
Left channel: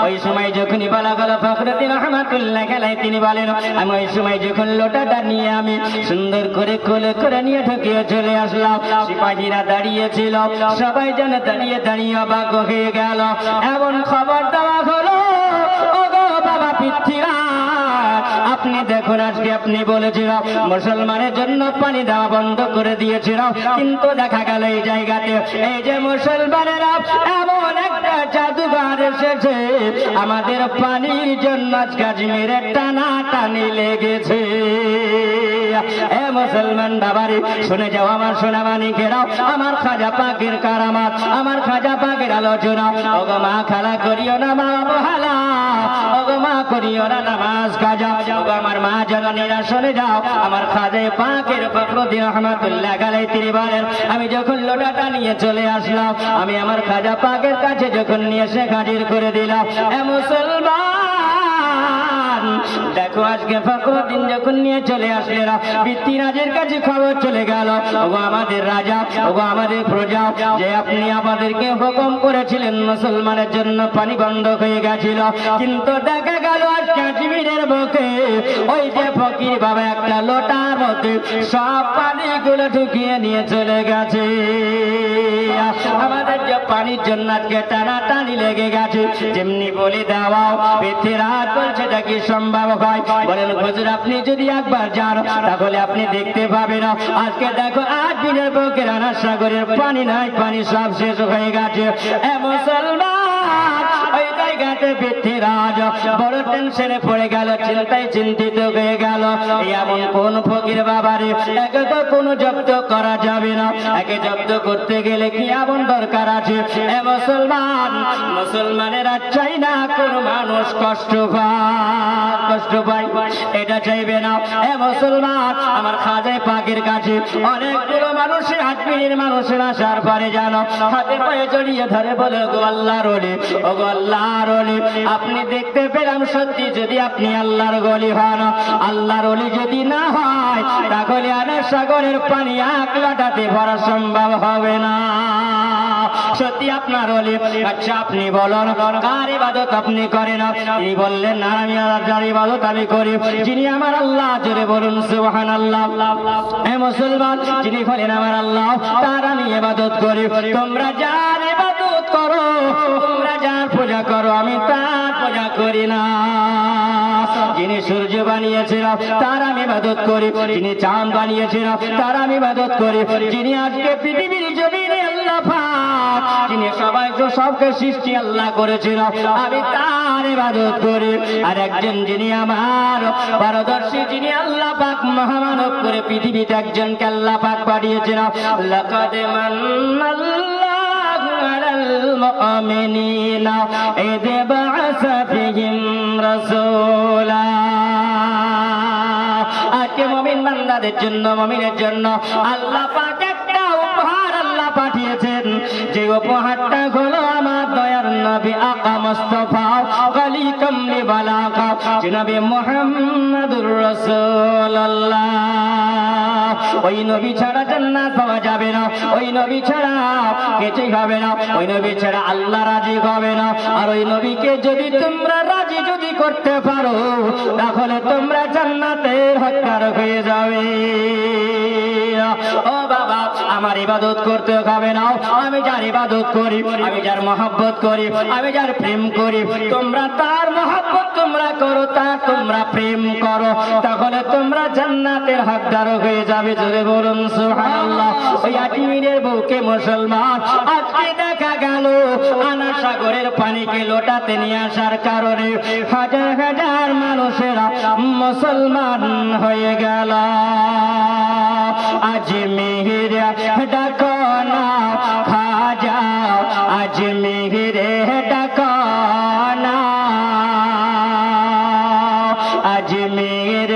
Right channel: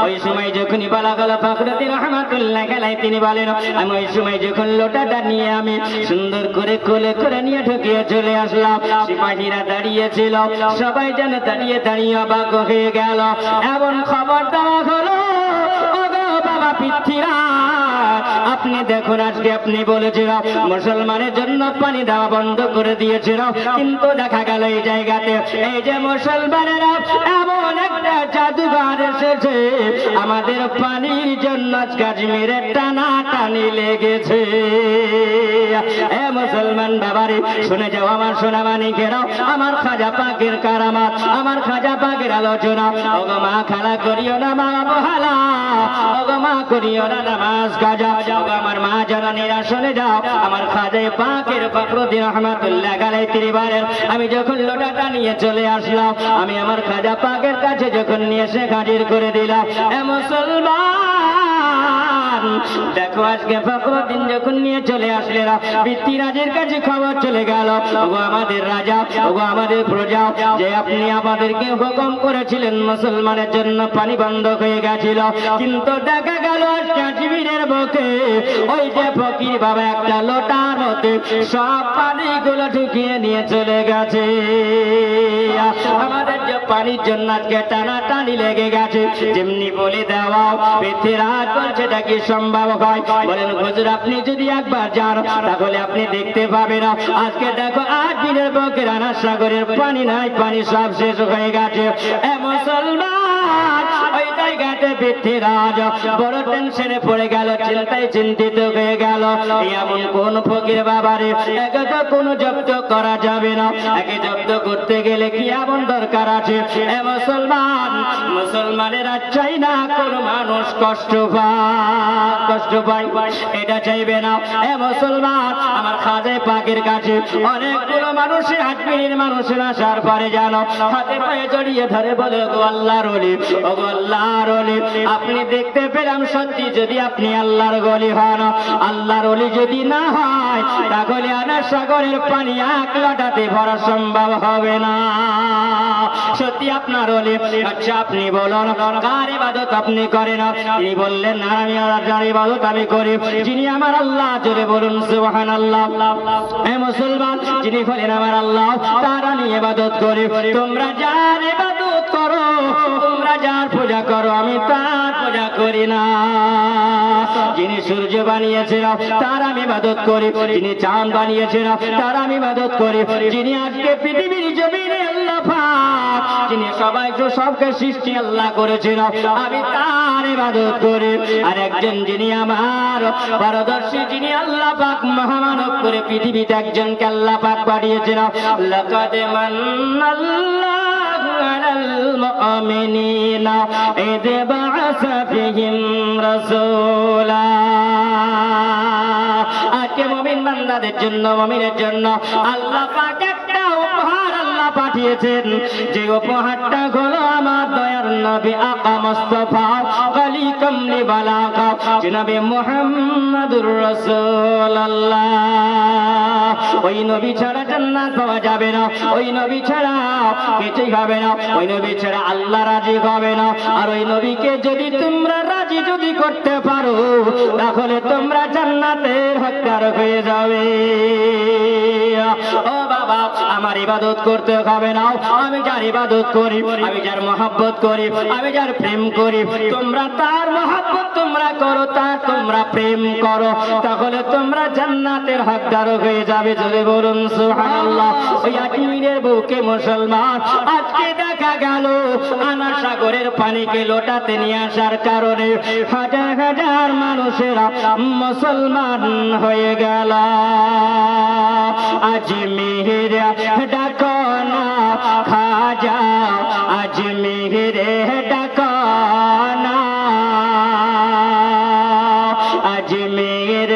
ওই সময় যখনই বলা গেল ফখরুদ্দিন রহমাতুল্লাহ আলাইহি তিনি বলেন, আমি ওই সময় যখন লোটাটা নিয়ে আমি সুন্দর করে কোলে করে নিয়ে ঢুকিয়ে চলে আসলাম, সিপাহীরা দাঁড়িয়েছিল, সবাই যেন দাঁড়িয়ে দাঁড়িয়ে অবাক হয়ে গেল। এমন খবর দেওয়া হলো, ও গো বাবা পৃথ্বীরাজ, আপনি দেখুন আজকে আপনি বলেছিল মুসলমানের জন্য পানি দেওয়া বন্ধ করে দিয়েছিল, কিন্তু দেখা গেল এই জায়গাতে এই যে মুসলমানেরা এমন একটা জাদুঘর এসেছে, আমাদের পানির জন্য কাশ্মীরে টানা টানি লেগেছে। এ মুসলমান বাবারে শুনে যাও আমার সোনা মানিকেরাও, আমার খাজা পাকের কারামাত, আমার খাজা পাকের আলোচনা। ওগো মা খেলা করিও না মা অবহেলা, ওগো মা করিও না নামাজ কাজা। ওগো আমার মা জননীরা শুনে যাও, আমার খাজা পাকের ফখরুদ্দিন রহমাতুল্লাহ আলাইহি তিনি বলেন, আমি যখন লোটাটা নিয়ে চলে আসলাম, আমি আমার খাজা পাকের কাছে যখন নিয়ে এসে হাজির করে দিলাম। এ মুসলমান দেখো আজকে ফখরুদ্দিন যখন নিয়ে চলে আসলেন, পৃথ্বীরাজের কাছে খবর চলে গেল, ওগো আমাদের রাজা, ওগো আমাদের প্রজা, যে আপনি আমাদেরকে হুকুম করেছিলেন মুসলমানের জন্য পানি বন্ধ হয়ে গেছিল, কিন্তু দেখা গেল কাশ্মীরের মুখে ওই যে ফকির বাবা একটা লোটার মধ্যে সব পানিগুলো ঢুকিয়ে নিয়ে চলে গেছে। আমাদের যে পানির জন্য আজকে টানাটানি লেগে গেছে, যেমনি বলে দেওয়া পৃথ্বীরাজ বলছে এটা কি সম্ভব হয়? বলেন হুজুর আপনি যদি একবার যান তাহলে আপনি দেখতে পাবেন, আজকে দেখো 8 দিনের বুকে রানা সাগরের পানি নাই, পানি সব শেষ হয়ে গেছে। এ মুসলমান ওই জায়গাতে পৃথ্বীরাজ বড় টেনশনে পড়ে গেল, চিন্তায় চিন্তিত হয়ে গেল। এমন কোন ফকির বাবারে একে তো কোনো জব্দ করা যাবে না, একে জব্দ করতে গেলে কি এমন দরকার আছে? এ মুসলমান, মুসলমানেরা চাই না কোন মানুষ কষ্ট পায়, এটা চাইবে না। এ মুসলমান আমার খাজা পাকের কাছে অনেকগুলো মানুষের আজমিরের মানুষের আসার পরে জানো হাতে পায়ে জড়িয়ে ধরে বলে, গো আল্লাহর ওলি, ও গো আল্লাহর ওলি, আপনি দেখতে পেলাম সত্যি যদি আপনি আল্লাহর ওলি হন, আল্লাহর ওলি যদি না হয় তাহলে আনা সাগরের পানি 1 লোটাতে ভরা সম্ভব হবে না। সত্যি আপনার ওলি, আচ্ছা আপনি বলুন কার ইবাদত আপনি করেন? তিনি বললেন না, আমি আল্লাহর ইবাদত আমি করি, যিনি আমার আল্লাহ, জোরে বলুন সুবহানাল্লাহ। এ মুসলমান, যিনি হলেন আমার আল্লাহ তার আমি ইবাদত করি। তোমরা যার ইবাদত করো, তোমরা যার পূজা করো, আমি তার পূজা করি না। যিনি সূর্য বানিয়েছেন তার আমি ইবাদত করি, যিনি চাঁদ বানিয়েছেন তার আমি ইবাদত করি, যিনি আজকে পৃথিবীর জমিনে আল্লাহ পাক, যিনি সবকে সৃষ্টি আল্লাহ করেছেন, আমি তার ইবাদত করি। আর একজন যিনি আমার পারদর্শী, যিনি আল্লাহ পাক মহামানব করে পৃথিবীতে একজনকে আল্লাহ পাক পাঠিয়েছেন, লাকাদ মান্নাল্লাহু আলাল মুমিনিনা ইয বা'আসা ফীহিম রাসূলা। আজকে মুমিন বান্দাদের জন্য, মুমিনের জন্য আল্লাহ পাক একটা উপহার আল্লাহ পাঠিয়েছেন, যে উপহারটা হলো আমার দয়ার নবী আকা মুস্তাফা খালিকাম লিবালাকা জনাবে মুহাম্মাদুর রাসূলুল্লাহ। ওই নবী ছাড়া জান্নাত পাওয়া যাবে না, ওই নবী ছাড়া কিছুই হবে না, ওই নবী ছাড়া আল্লাহ রাজি হবে না। আর ওই নবীকে যদি তোমরা রাজি যদি করতে পারো তাহলে তোমরা জান্নাতের হকদার হয়ে যাবে। ও বাবা, আমার ইবাদত করতে হবে না, আমি যার ইবাদত করি, আমি যার মহব্বত করি, আমি যার প্রেম করি, তোমরা তার মহব্বত তোমরা করো, তার তোমরা প্রেম করো, তাহলে তোমরা জান্নাতের হকদার হয়ে যাবে। জোরে বলুন সুবহানাল্লাহ। ওই আজমিরের বুকে মুসলমান আজকে দেখা গেল আনা সাগরের পানিকে লোটাতে নিয়ে আসার কারণে হাজার হাজার মানুষেরা মুসলমান হয়ে গেল। আজমির ডাকো না খাজা, আজমির ডাকো না, আজমির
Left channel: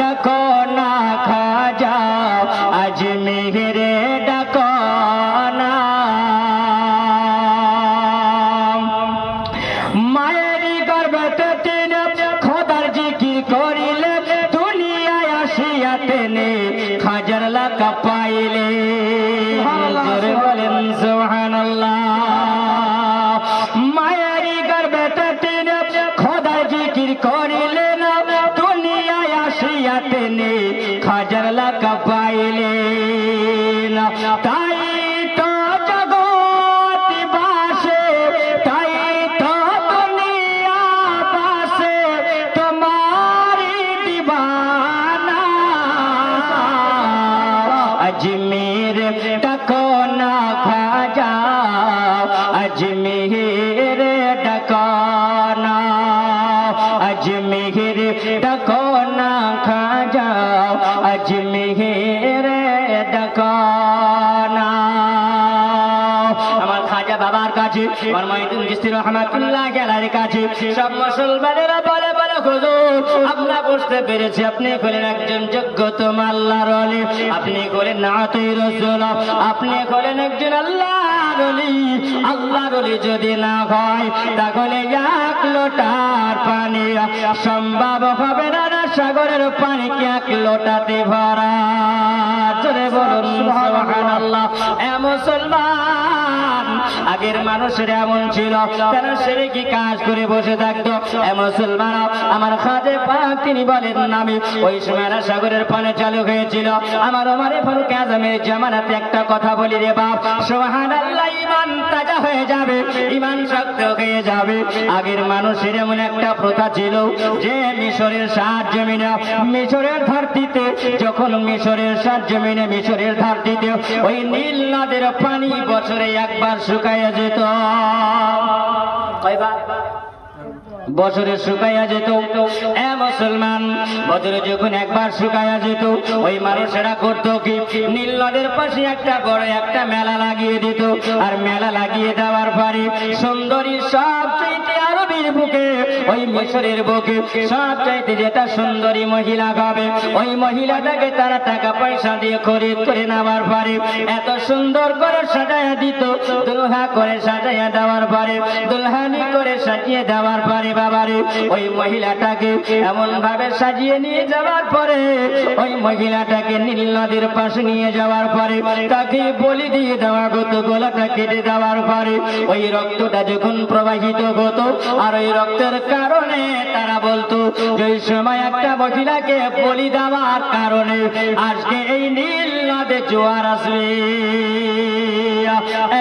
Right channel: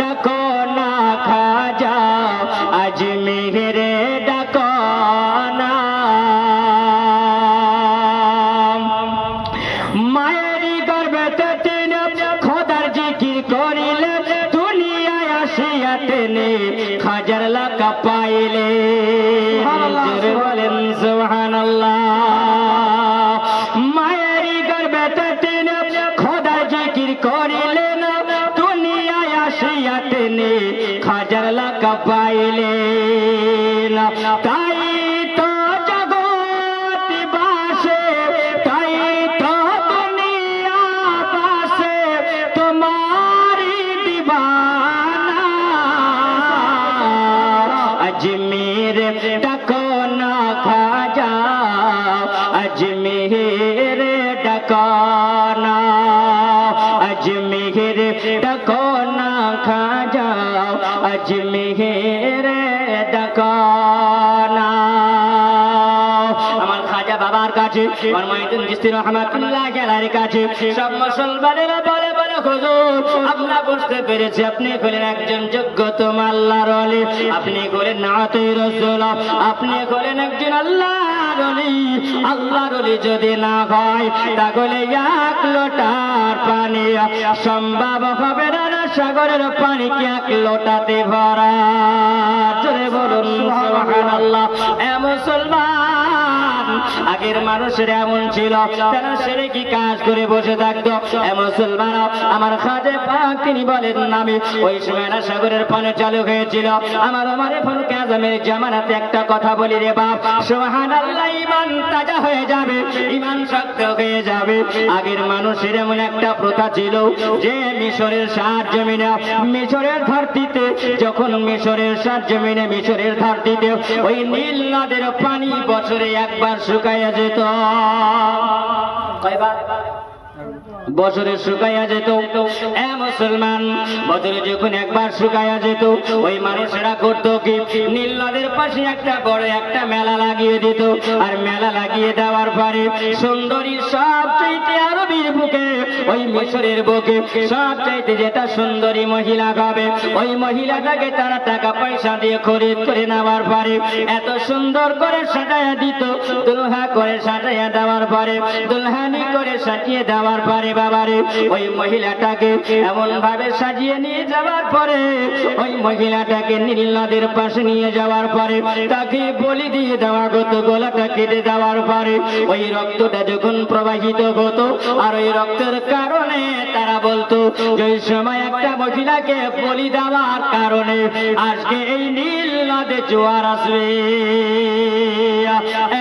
ডাকো না খাজা, আজমির ডাকো না। মায়েরই গর্ভে তিন খোদার জিকির করিলেন দুনিয়ায় আসিয়া তিনি হাজার লাখ পাইলেন তাই তো জগৎ বাসে তাই তো দুনিয়া বাসে তোমারি দিবানা अजमेर डको ना खाजा अजमेर डको ना अजमेर डको ना खाजा अजमेर डको ना আমার খাজা বাবার কাছে আর মাইদুল চিশতি রহমাতুল্লাহ আলাইহির কাছে সব মুসলমানেরা বলে বলে হুজুর আমরা বুঝতে পেরেছি আপনি হলেন একজন যোগ্যতম আল্লাহর ওলি আপনি হলেন নাতে রাসূল আপনি হলেন একজন আল্লাহর ওলি আল্লাহর ওলি যদি না হয় তাহলে এক লোটার পানি সম্ভব হবে না সাগরের পানি কি এক লোটাতে ভরা জোরে বলুন সুবহানাল্লাহ এ মুসলমান আগের মানুষের এমন ছিল তারা শিরকি কাজ করে বসে থাকতো এ মুসলমান আমার খাজা পাক তিনি বলেন আমি ওই সময় সাগরের পানি চালু হয়েছিল আমার ওমরে ফারুক আজমের জামানাতে একটা কথা বলি রে বাপ সুবহানাল্লাহ ঈমান তাজা হয়ে যাবে ঈমান শক্ত হয়ে যাবে আগের মানুষের এমন একটা প্রথা ছিল যে মিশরের সাত জমিনে মিশরের ধরতিতে যখন মিশরের সাত জমিনে মিশরের ধরতিতে ওই নীল নদের পানি বছরে একবার শুকাইয়া যেত কয়বার বছরে শুকাইয়া যেত এ মুসলমান বছরে যখন একবার শুকাইয়া যেত ওই মানুষেরা করতো কি নীল নদের পাশে একটা বড় একটা মেলা লাগিয়ে দিত আর মেলা লাগিয়ে দেওয়ার পরে সুন্দরী সব চাইতে আরবির বুকে ওই মিশরের বুকে সব চাইতে যেটা সুন্দরী মহিলা হবে ওই মহিলাটাকে তারা টাকা পয়সা দিয়ে খরিদ করে নেওয়ার পরে এত সুন্দর করে সাজাইয়া দিত দুলহা করে সাজাইয়া দেওয়ার পরে দুলহানি করে সাজিয়ে দেওয়ার পরে বাবারে ওই মহিলাটাকে এমন ভাবে সাজিয়ে নিয়ে যাওয়ার পরে ওই মহিলাটাকে নীল নদের পাশে নিয়ে যাওয়ার পরে তাকে বলি দিয়ে দেওয়া হতো গলাটা কেটে দেওয়ার পরে ওই রক্তটা যখন প্রবাহিত হতো আর ওই রক্তের কারণে তারা বলতো যে সময় একটা মহিলাকে বলি দেওয়ার কারণে আজকে এই নীল নদে জোয়ার আসবে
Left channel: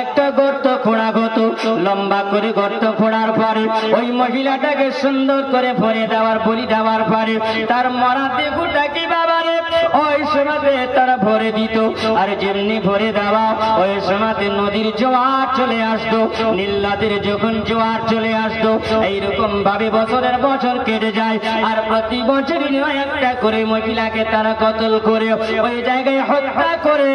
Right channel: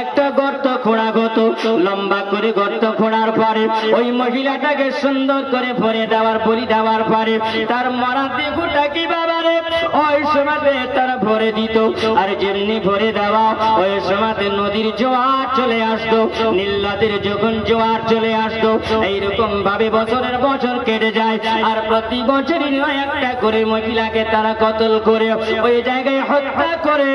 একটা গর্ত খোঁড়া হতো লম্বা করে গর্ত খোঁড়ার পরে ওই মহিলাটাকে সুন্দর করে ভরে দেওয়ার বলি দেওয়ার পরে তার মরা দেহটা কি বাবারে ওই সময়তে তারা ভরে দিত আর যেমনি ভরে দেওয়া ওই সময়তে নদীর জোয়ার চলে আসতো নীল নদের যখন জোয়ার চলে আসতো এইরকম ভাবে বছরের বছর কেটে যায় আর প্রতি বছরই নয় একটা করে মহিলাকে তারা কতল করে ওই জায়গায় হত্যা করে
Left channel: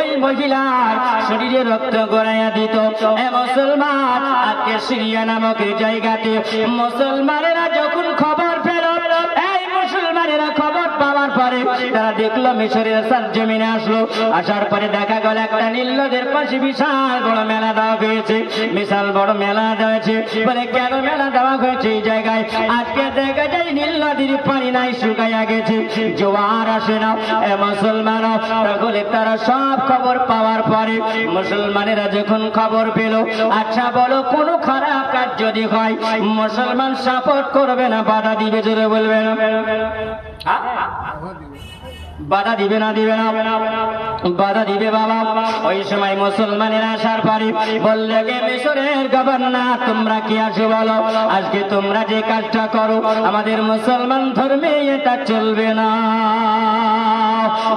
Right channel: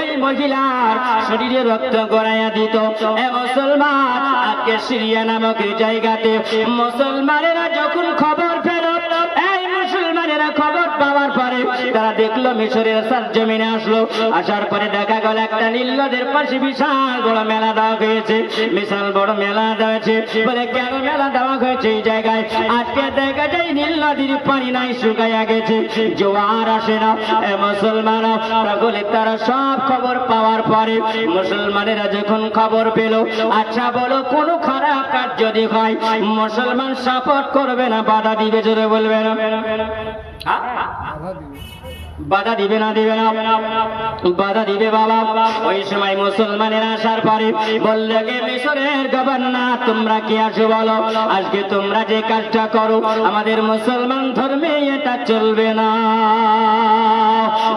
ওই মহিলার শরীরে রক্ত গড়াইয়া দিত এ মুসলমান আজকে সিরিয়া নামক জায়গাতে মুসলমানেরা যখন খবর পেল এই মুসলমানেরা খবর পাওয়ার পরে তারা দেখলো মিশরের সরজমিনে আসলো আসার পরে দেখা গেল একটা নীল নদের পাশে বিশাল বড় মেলা দেওয়া হয়েছে বিশাল বড় মেলা দেওয়া বলে কেন মেলা দেওয়া হয়েছে এই জায়গায় আজকে দেখা যায় নীল নদীর পানি নাই শুকাইয়া গেছে জোয়ার আসে না এ মুসলমানরা তাহলে তারা সব খবর পাওয়ার পরে মুসলমানেরা যখন খবর পেল আচ্ছা বলো কোনো খারাপ কাজ যদি হয় মুসলমান সাপোর্ট করবে না বাধা দিবে জোরে বলবে না বাধা দিবে না দিবে না বাধা দিবে বাবা ওই সময় মুসলমানেরা আসার পরে বললে গে মিশরের গভর্নর তোমরা কি আছো বলো আজকে তোমরা যে কাজটা করো আমাদের মুসলমান ধর্মে এটা চলবে না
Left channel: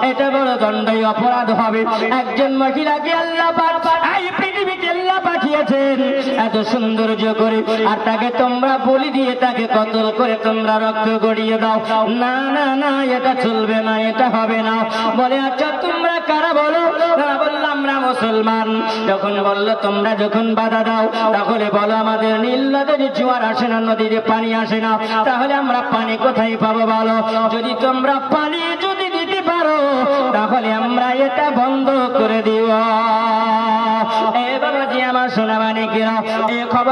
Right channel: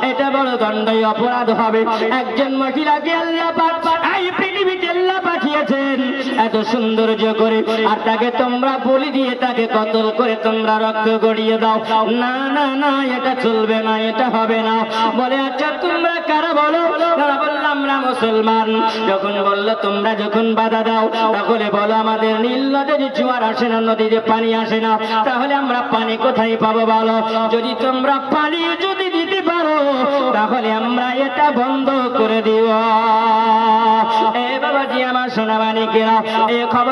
এটা বড় দণ্ডনীয় অপরাধ হবে একজন মহিলাকে আল্লাহ পাক এই পৃথিবীতে আল্লাহ পাঠিয়েছেন এত সৌন্দর্য করে আর তাকে তোমরা বলি দিয়ে তাকে কতল করে তোমরা রক্ত গড়িয়ে দাও না না না এটা চলবে না এটা হবে না বলে আচ্ছা তোমরা কারা বলো না বললাম আমরা মুসলমান যখন বললো তোমরা যখন বাধা দাও তাহলে বলো আমাদের নীল নদীর জোয়ার আসে না নদীতে পানি আসে না তাহলে আমরা পানি কোথায় পাবো বলো যদি তোমরা পানি যদি দিতে পারো তাহলে আমরা এটা বন্ধ করে দিব এ বাবাজি আমার সোনা মানিকেরা এ খবর